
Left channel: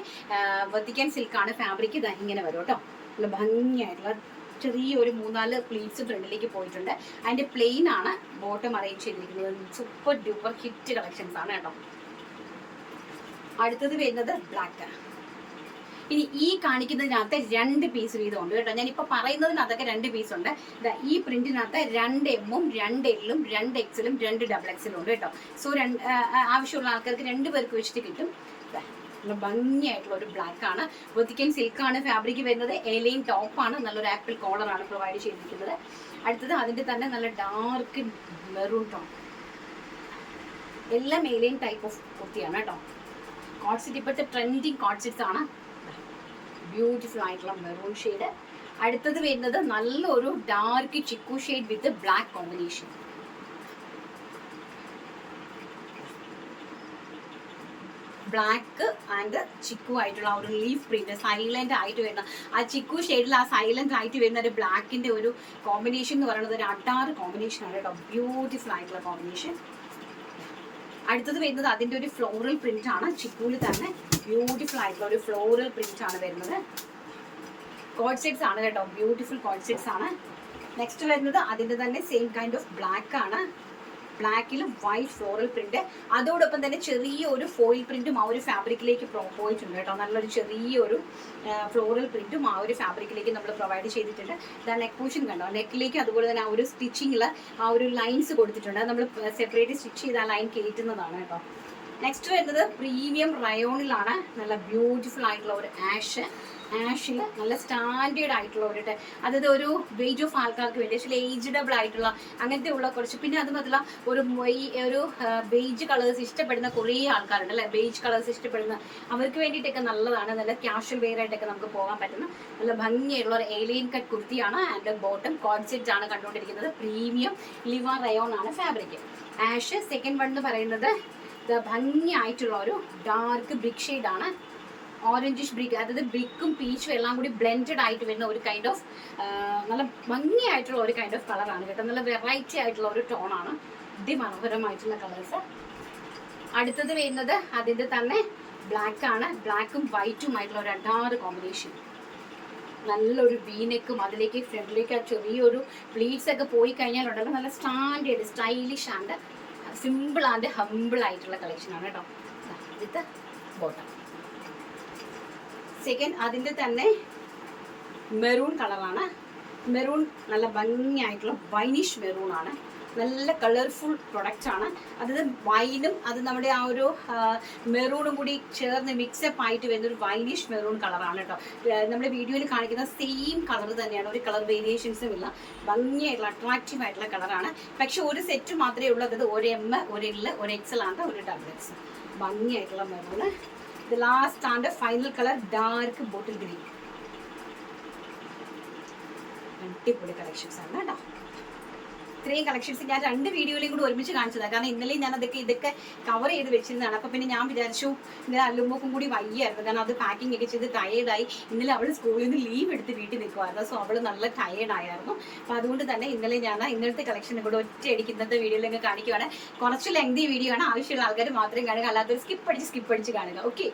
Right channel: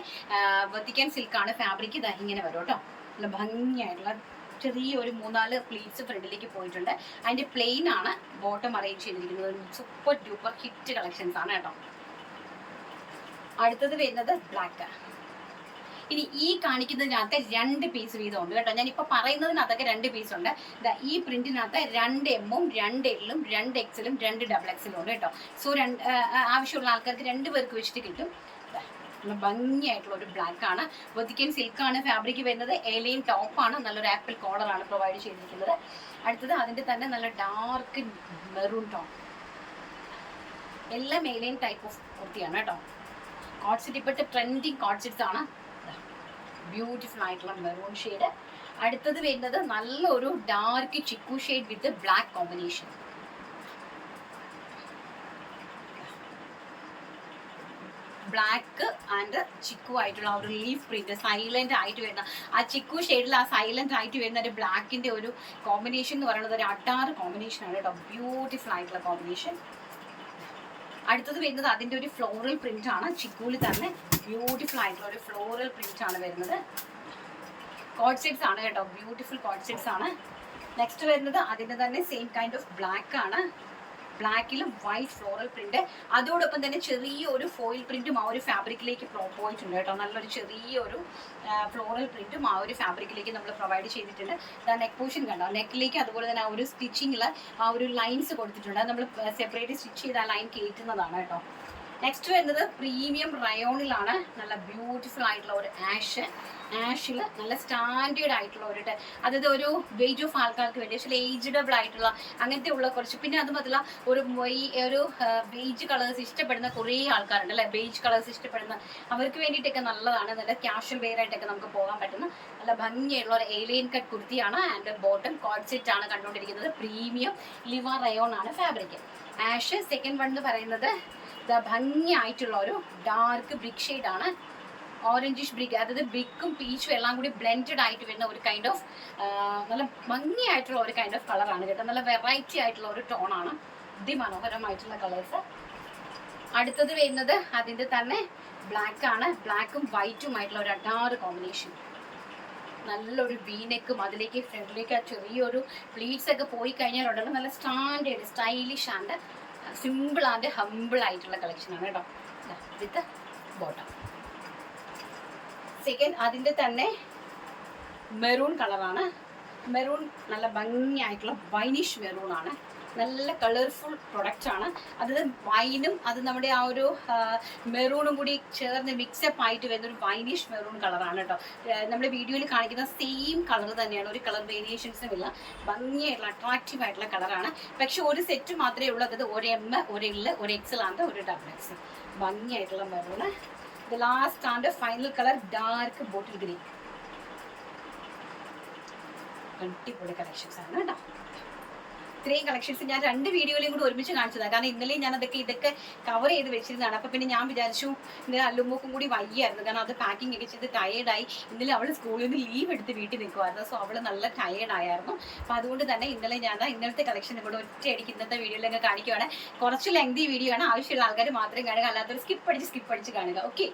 വെത്തിക്കാൻ സിൽക്കാണ് ഫാബ്രിക് ഇതാ ഇങ്ങനെ വരും കേട്ടോ. നല്ല ഭംഗിയായിട്ടുള്ള ചെറിയ ഒരു മൂന്നാൽ പ്ലീറ്റ്സ് ഫ്രണ്ടിലേക്ക് പോയിട്ടുണ്ട്. അതിന്റെ പ്ലെയിൻ ആണ് ബോട്ടം അറേഞ്ച് ചെയ്തിരിക്കുന്നത്. സൂപ്പർ ഡ്യൂപ്പർ ഹിറ്റ് കളക്ഷൻസ് ആണ് കേട്ടോ. അടുത്തത് വരുന്നത് ബ്ലാക്ക് ഇനി ഈ കാണിക്കുന്നതിനകത്ത് രണ്ട് പീസ് വീതം ഉണ്ട് കേട്ടോ. ഞാൻ ഇപ്പൊ പറയുന്നതിനകത്തൊക്കെ രണ്ട് പീസ് ഉണ്ട്. ഈ പ്രിന്റിനകത്ത് രണ്ട് എമ്മും രണ്ട് എല്ലും രണ്ട് എക്സലും രണ്ട് ഡബിൾ എക്സലും ഉണ്ട് കേട്ടോ. സോ രണ്ട് ആവശ്യമുള്ള ആൾക്കാർക്ക് രണ്ട് പേർക്ക് വെച്ചിട്ട് കിട്ടും. നല്ല ഭംഗിയായിട്ടുള്ള ഒരു ബ്ലാക്ക് ആണ്. വെത്തിക്കൻ ആണ് ഫാബ്രിക് വരുന്നത്. എലയും ടോപ്പാണ് നല്ലൊരു ആപ്പിൾ കോളർ ആണ് പ്രൊവൈഡ് ചെയ്തിരിക്കുന്നത്. അടുത്തത് അതിന്റെ തന്നെ നല്ല ഡാർക്ക് മെറൂൺ ടോപ്പ് എല്ലാം എലയൻ ടൈപ്പ് ഓഫ് കുർത്തിയാണ് കേട്ടോ. കോട്ട്സിറ്റ് ഇപ്പോഴത്തെ ട്രെൻഡിങ് കോട്ട്സിറ്റ്സ് ആണ്. ബ്യൂട്ടിഫുൾ ആയിട്ടുള്ള മെറൂൺ ഷെയ്ഡ് അടുത്തത് വരുന്നത് നല്ലൊരു dark chikoo shade with black combination black and chikoo ആയിട്ടുള്ള ഒരു ലീഫ് പ്രിന്റ് സൈലന്റ് ആയിട്ട് വരുന്ന. ആ ചിക്കു ഷെയ്ഡിൽ ആ സൈലന്റ് ആയിട്ട് വരുന്ന ഒരു ബ്ലാക്കിന്റെ ഒരു കോമ്പിനേഷൻ എന്ന് പറയുന്നത് ഒരു അട്ടാർ കോമ്പിനേഷൻ ആണ് കേട്ടോ. ബ്യൂട്ടിഫുൾ ആയിട്ടുള്ള കോമ്പിനേഷൻ അടുത്തത് വരുന്നത് അതിന്റെ ഒരു ഫ്ലോറൽ പ്രിന്റ് ആണ്. ചിക്കൂൽ തന്നെ ബ്യൂട്ടിഫുൾ ആയിട്ടുള്ള ഒരു ഫ്ലോറൽ പ്രിന്റ് ആണ് വരുന്നത്. കോഡ് സെറ്റ്സ് ആണ് കേട്ടോ. ബ്യൂട്ടിഫുൾ കോഡ് സെറ്റ്സ് ആണ്. നെക്സ്റ്റ് വരുന്നത് അതിന്റെ തന്നെ സെയിം കൈൻഡ് ഓഫ് ബ്ലാക്ക് ആണ്. ബ്ലാക്കിലും വൈറ്റ് ഫ്ലോറൽ പ്രിന്റ്. അതോടൊപ്പം തന്നെ ചെറിയ ഒരു ഫോയിൽ പ്രിന്റും ആ ഒരു ഫാബ്രിക്കിലേക്ക് പോയിട്ടുണ്ട് കേട്ടോ. നല്ലൊരു ചെറിയ ഒരു ഫ്ലോറൽ പ്രിന്റും ആ ഒരു ഫാബ്രിക്കിലേക്ക് നമ്മൾ പ്രൊവൈഡ് ചെയ്തിട്ടുണ്ട്. ഇതാ നെക്ക് പോഷൻ കണ്ടോ? നെക്കിലേക്ക് അതുപോലെ തന്നെ ആ ഒരു സ്റ്റിച്ചിങ്ങിൽ ആ ഒരു ലൈൻസ് കൊടുത്തിട്ടുണ്ട്. അത് നമ്മൾ സെപ്പറേറ്റ് സ്റ്റിച്ച് ചെയ്ത് ആ ലൈൻ കയറ്റുന്നതാണ് കേട്ടോ. നെക്സ്റ്റ് വരുന്നത് പ്രീമിയം റയോണിലാണ് നല്ല ബ്യൂട്ടിഫുൾ ആയിട്ടുള്ള ഒരു ആഷ് ആഷിൽ നല്ല സ്റ്റാൻഡേർഡ് ആയിട്ടുള്ള ഒരു അതായത് ഒരു വെയിറ്റ് ഓഫ് ആൾക്കാർക്ക് വേണ്ടി പക്ഷേ ഏജ്ഡബിൾ ആയിട്ടുള്ള അങ്ങനത്തെ ഉള്ള കുറച്ച് പിന്നെ അത് മാത്രമല്ല ഒരു ഒരു ബേജ് കളേഴ്സ് ഇഷ്ടപ്പെടുന്ന കുറേ ആൾക്കാരുണ്ട് അല്ലെ? ബേജ് കളേഴ്സ് ഇഷ്ടപ്പെടുന്ന അവർക്ക് വേണ്ടിയിട്ടൊക്കെ നല്ലതാണ്. നല്ല ക്യാഷ്വൽ വെയർ ആയിട്ടൊക്കെ നമുക്ക് പോകാൻ പറ്റുന്ന നല്ല ഭംഗിയുള്ള ഒരു ഏലിയൻ കട്ട് കുർത്തിയാണ് ആൻഡ് ബോട്ടം കോൺസെറ്റ് ആണ് കണ്ടുകൊണ്ടിരിക്കുന്നത്. പ്രീമിയം ലിവ റയോൺ ആണ് ഫാബ്രിക് ആഷ് സെക്കൻഡ് വൺ എന്ന് പറയുന്നത് ഭംഗിയായിട്ടുള്ള ഒരു ഡാർക്ക് ബ്രിക്ക് ആണ്. ഓറഞ്ചിഷ് ബ്രിക്ക് അതായത് ബ്രിക്കും പീച്ചും എല്ലാം കൂടി ബ്ലെൻഡഡ് ആയിട്ട് വരുന്ന ഒരു കൈൻഡ് ഓഫ് നല്ല ഭംഗിയായിട്ടുള്ള ഒരു കൈൻഡ് ഓഫ് കളറാണ് കേട്ടോ. നല്ല വെറൈറ്റി ആയിട്ടുള്ള ഒരു ടോണാണ് അതിമനോഹരമായിട്ടുള്ള കളേഴ്സ് അടുത്തത് വരുന്നത് അതിന്റെ തന്നെ ബ്ലാക്ക് ആണ്. ബ്ലാക്കും വൈറ്റും ആയിട്ടുള്ള ഒരു അഡാറ് കോമ്പിനേഷൻ നല്ലൊരു വീനെക്കും അതിലേക്ക് ഫ്രണ്ടിലേക്ക് ആ ചെറിയൊരു പ്ലീറ്റ്സ് ഒക്കെ പോയി കഴിഞ്ഞാൽ ഉണ്ടല്ലോ. നല്ല standard stylish and simple and humble ആയിട്ടുള്ള കളക്ഷൻ ആണ് കേട്ടോ. വിത്ത് ബോട്ടം സെക്കൻഡ് അതിന്റെ തന്നെ മെറൂൺ കളറാണ് മെറൂൺ നല്ല ഭംഗിയായിട്ടുള്ള വൈനിഷ് മെറൂൺ ആണ്. നല്ല കളർഫുൾ പ്രൊഡക്റ്റ് ആണ്. അത് വൈനും അത് നമ്മുടെ ആ ഒരു മെറൂണും കൂടി ചേർന്ന് മിക്സപ്പ് ആയിട്ട് വരുന്ന ഒരു വൈനിഷ് മെറൂൺ കളറാണ് കേട്ടോ. നമ്മുടെ വീഡിയോയിൽ കാണിക്കുന്ന സെയിം കളർ തന്നെയാണ്. ഒരു കളർ വേരിയേഷൻസും ഇല്ല. ഭംഗിയായിട്ടുള്ള അട്രാക്റ്റീവ് ആയിട്ടുള്ള കളറാണ് പക്ഷെ ഒരു സെറ്റ് മാത്രമേ ഉള്ളൂ. അത് ഒരു എം ഒരു എൽ ഒരു എക്സൽ ആണ് ഒരു double X ഭംഗിയായിട്ടുള്ള maroon the last and final colour dark bottle green അടിപൊളി കളക്ഷൻസ് ആണ് കേട്ടോ ഇത്രയും കളക്ഷൻസ് ഞാൻ രണ്ട് വീഡിയോയിലും കൂടി ഒരുമിച്ച് കാണിച്ചതാണ് കാരണം ഇന്നലെ ഞാൻ അതൊക്കെ ഇതൊക്കെ കവർ ചെയ്ത് വെച്ചിരുന്നതാണ്. അപ്പൊ പിന്നെ ഞാൻ വിചാരിച്ചു ഇന്നലെ അല്ലുമ്പോക്കും കൂടി വയ്യായിരുന്നു. കാരണം അത് പാക്കിംഗ് ഒക്കെ ചെയ്ത് ടയേർഡായി ഇന്നലെ അവൾ സ്കൂളിൽ നിന്ന് ലീവ് എടുത്ത് വീട്ടിൽ നിൽക്കുമായിരുന്നു സോ അവൾ നല്ല ടയേർഡ് ആയിരുന്നു. അപ്പൊ അതുകൊണ്ട് തന്നെ ഇന്നലെ ഞാൻ ഇന്നലത്തെ കളക്ഷൻ കൂടെ ഒറ്റയടിക്ക് ഇന്നത്തെ വീഡിയോയിലൊക്കെ കാണിക്കുവാണ്. കുറച്ച് ലെങ്തി വീഡിയോ ആണ്. ആവശ്യമുള്ള ആൾക്കാർ മാത്രം കാണുക. അല്ലാത്തവർ സ്കിപ്പ് അടിച്ച് സ്കിപ്പ് അടിച്ച് കാണുക. ഓക്കെ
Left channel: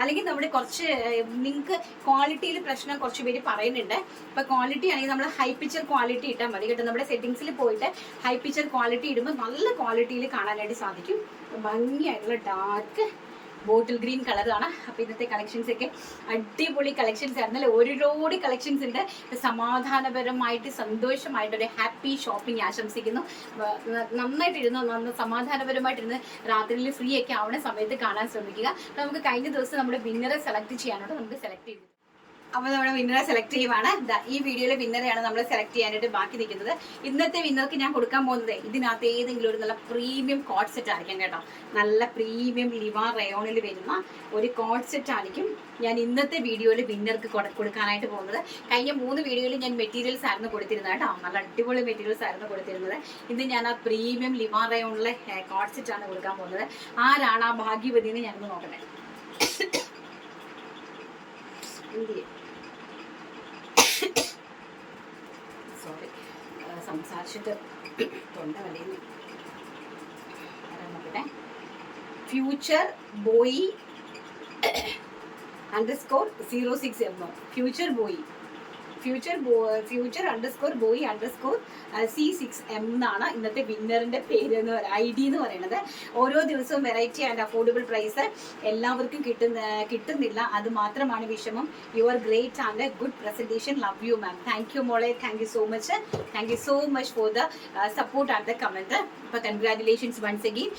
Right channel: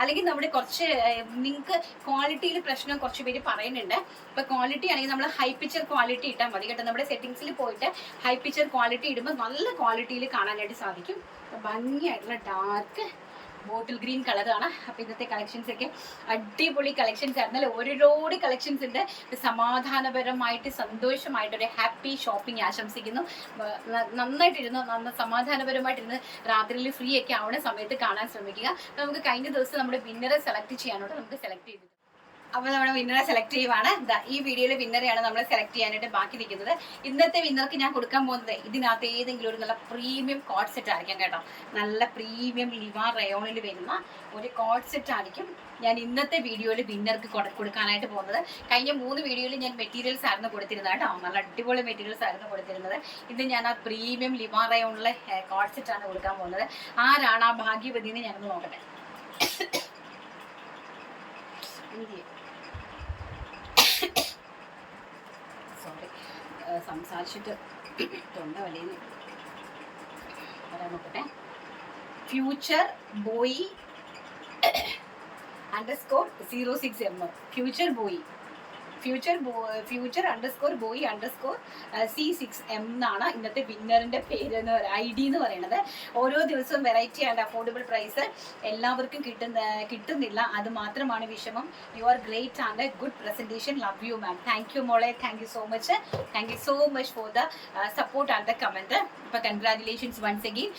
അല്ലെങ്കിൽ നമ്മുടെ കുറച്ച് നിങ്ങൾക്ക് ക്വാളിറ്റിയിൽ പ്രശ്നം കുറച്ച് പേര് പറയുന്നുണ്ട്. ഇപ്പൊ ക്വാളിറ്റി ആണെങ്കിൽ നമ്മൾ ഹൈ പിക്ചർ ക്വാളിറ്റി ഇട്ടാൽ മതി കേട്ടോ. നമ്മുടെ സെറ്റിംഗ്സിൽ പോയിട്ട് ഹൈ പിക്ചർ ക്വാളിറ്റി ഇടുമ്പോൾ നല്ല ക്വാളിറ്റിയിൽ കാണാനായിട്ട് സാധിക്കും. ഭംഗിയായിട്ടുള്ള ഡാർക്ക് ബോട്ടിൽ ഗ്രീൻ കളറാണ് അപ്പോൾ ഇന്നത്തെ കളക്ഷൻസ് ഒക്കെ അടിപൊളി കളക്ഷൻസ് ആയിരുന്നു അല്ലെ ഒരുപാട് കളക്ഷൻസ് ഉണ്ട്. സമാധാനപരമായിട്ട് സന്തോഷമായിട്ട് ഒരു ഹാപ്പി ഷോപ്പിംഗ് ആശംസിക്കുന്നു നന്നായിട്ടിരുന്നു. നന്ന സമാധാനപരമായിട്ടിരുന്ന് രാത്രിയിൽ ഫ്രീ ഒക്കെ ആവുന്ന സമയത്ത് കാണാൻ ശ്രമിക്കുക. നമുക്ക് കഴിഞ്ഞ ദിവസം നമ്മുടെ വിന്നറെ സെലക്ട് ചെയ്യാനുള്ളത് നമുക്ക് സെലക്ട് ചെയ്തു അപ്പൊ നമ്മുടെ വിന്നറെ സെലക്ട് ചെയ്യുവാണ്. ഈ വീഡിയോയിലെ വിന്നറെയാണ് നമ്മൾ സെലക്ട് ചെയ്യാനായിട്ട് ബാക്കി നിൽക്കുന്നത്. ഇന്നത്തെ വിന്നർക്ക് ഞാൻ കൊടുക്കാൻ പോകുന്നത് ഇതിനകത്ത് ഏതെങ്കിലും ഒരു നല്ല പ്രീമിയം കോഡ് സെറ്റ് ആയിരിക്കും കേട്ടോ. നല്ല പ്രീമിയം ലിവാ റയോണിൽ വരുന്ന ഒരു കോഡ് സെറ്റ് ആയിരിക്കും ഞാൻ ഇന്നത്തെ വീഡിയോയിൽ വിന്നർക്ക് കൊടുക്കാനായിട്ട് പോകുന്നത്. കഴിഞ്ഞ മൂന്ന് വീഡിയോയിൽ ഞാൻ മെറ്റീരിയൽസ് ആയിരുന്നു കൊടുത്തിരുന്നത് കേട്ടോ. നല്ല അടിപൊളി മെറ്റീരിയൽസ് ആയിരുന്നു കൊടുത്തിരുന്നത്. ഇന്ന് ഞാൻ ആ പ്രീമിയം ലിവാ റയോണിലെ കോഡ് സെറ്റ് ആണ് കൊടുക്കാൻ പോകുന്നത്. ആരാണ് ആ ഭാഗ്യവതി എന്ന് ഞാനൊന്ന് നോക്കട്ടെ. *coughs* എന്ത് ചെയ്യും? സോറി സംസാരിച്ചിട്ട് തൊണ്ട വലയുന്നു. ആരാ നോക്കട്ടെ? Future boy underscore zero six എന്നോ future boy future future underscore boy underscore C six M എന്നാണ് ഇന്നത്തെ വിന്നറിന്റെ പേര് എന്ന് പറയുന്നത് ഐ ഡി എന്ന് പറയുന്നത്. ഓരോ ദിവസവും വെറൈറ്റി ആൻഡ് അഫോർഡബിൾ പ്രൈസ് എല്ലാവർക്കും കിട്ടുന്ന കിട്ടുന്നില്ല. അത് മാത്രമാണ് വിഷമം. You are great and good presentation love you ma'am thank you മോളെ. Thank you so much thank you so much for the support and the comment ഇപ്പൊ കൺഗ്രാറ്റുലേഷൻസ് വൺസ് അഗെയിൻ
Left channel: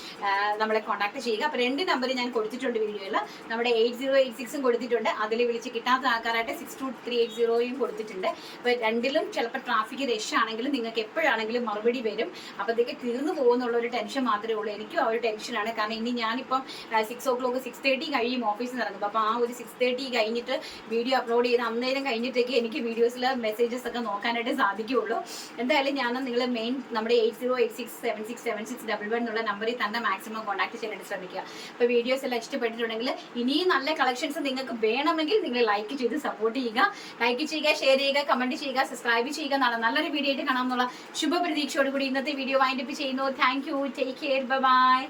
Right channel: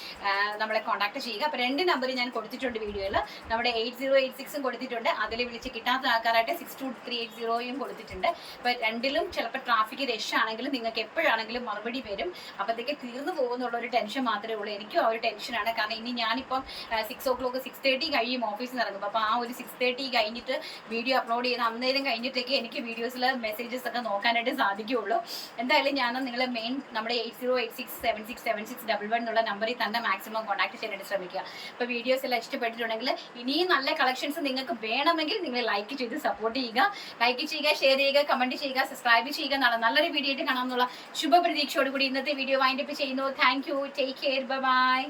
നമ്മളെ contact ചെയ്യുക. അപ്പൊ രണ്ട് നമ്പർ ഞാൻ കൊടുത്തിട്ടുണ്ട് വീഡിയോയിൽ നമ്മുടെ എയ്റ്റ് സീറോ എയ്റ്റ് സിക്സും കൊടുത്തിട്ടുണ്ട്. അതിൽ വിളിച്ച് കിട്ടാത്ത ആൾക്കാരായിട്ട് സിക്സ് ടു ത്രീ എയ്റ്റ് സീറോയും കൊടുത്തിട്ടുണ്ട്. അപ്പൊ രണ്ടിലും ചിലപ്പോൾ ട്രാഫിക് രഷ് ആണെങ്കിലും നിങ്ങൾക്ക് എപ്പോഴാണെങ്കിലും മറുപടി വരും. അപ്പോഴത്തേക്ക് തീർന്നു പോകുന്നുള്ള ഒരു ടെൻഷൻ മാത്രമേ ഉള്ളൂ. എനിക്കും ആ ഒരു ടെൻഷനാണ് കാരണം ഇനി ഞാനിപ്പം six o'clock six thirty കഴിയും ഓഫീസിൽ നിന്ന് ഇറങ്ങുമ്പോൾ അപ്പോൾ ആ ഒരു സിക്സ് തേർട്ടി കഴിഞ്ഞിട്ട് വീഡിയോ അപ്ലോഡ് ചെയ്ത് അന്നേരം കഴിഞ്ഞിട്ടേക്ക് എനിക്ക് വീഡിയോസിൽ മെസ്സേജസ് ഒക്കെ നോക്കാനായിട്ട് സാധിക്കുകയുള്ളൂ. എന്തായാലും ഞാൻ നിങ്ങൾ മെയിൻ നമ്മുടെ eight zero eight six seven six seven six double one എന്നുള്ള നമ്പറിൽ തന്നെ മാക്സിമം കോൺടാക്ട് ചെയ്യാനായിട്ട് ശ്രമിക്കുക. അപ്പോൾ വീഡിയോസ് എല്ലാം ഇഷ്ടപ്പെട്ടിട്ടുണ്ടെങ്കിൽ ഇനിയും നല്ല കളക്ഷൻസ് നിങ്ങൾക്ക് വേണമെങ്കിൽ നിങ്ങൾ ലൈക്ക് ചെയ്ത് സപ്പോർട്ട് ചെയ്യുക. ലൈക്ക് ചെയ്യുക ഷെയർ ചെയ്യുക കമന്റ് ചെയ്യുക സബ്സ്ക്രൈബ് ചെയ്യുക. നാളെ നല്ലൊരു വീഡിയോ ആയിട്ട് കാണാമെന്നുള്ള ശുഭപ്രതീക്ഷയോടുകൂടി ഇന്നത്തെ വീഡിയോ വൈൻഡപ്പ് ചെയ്യുന്നു. Thank you take care bye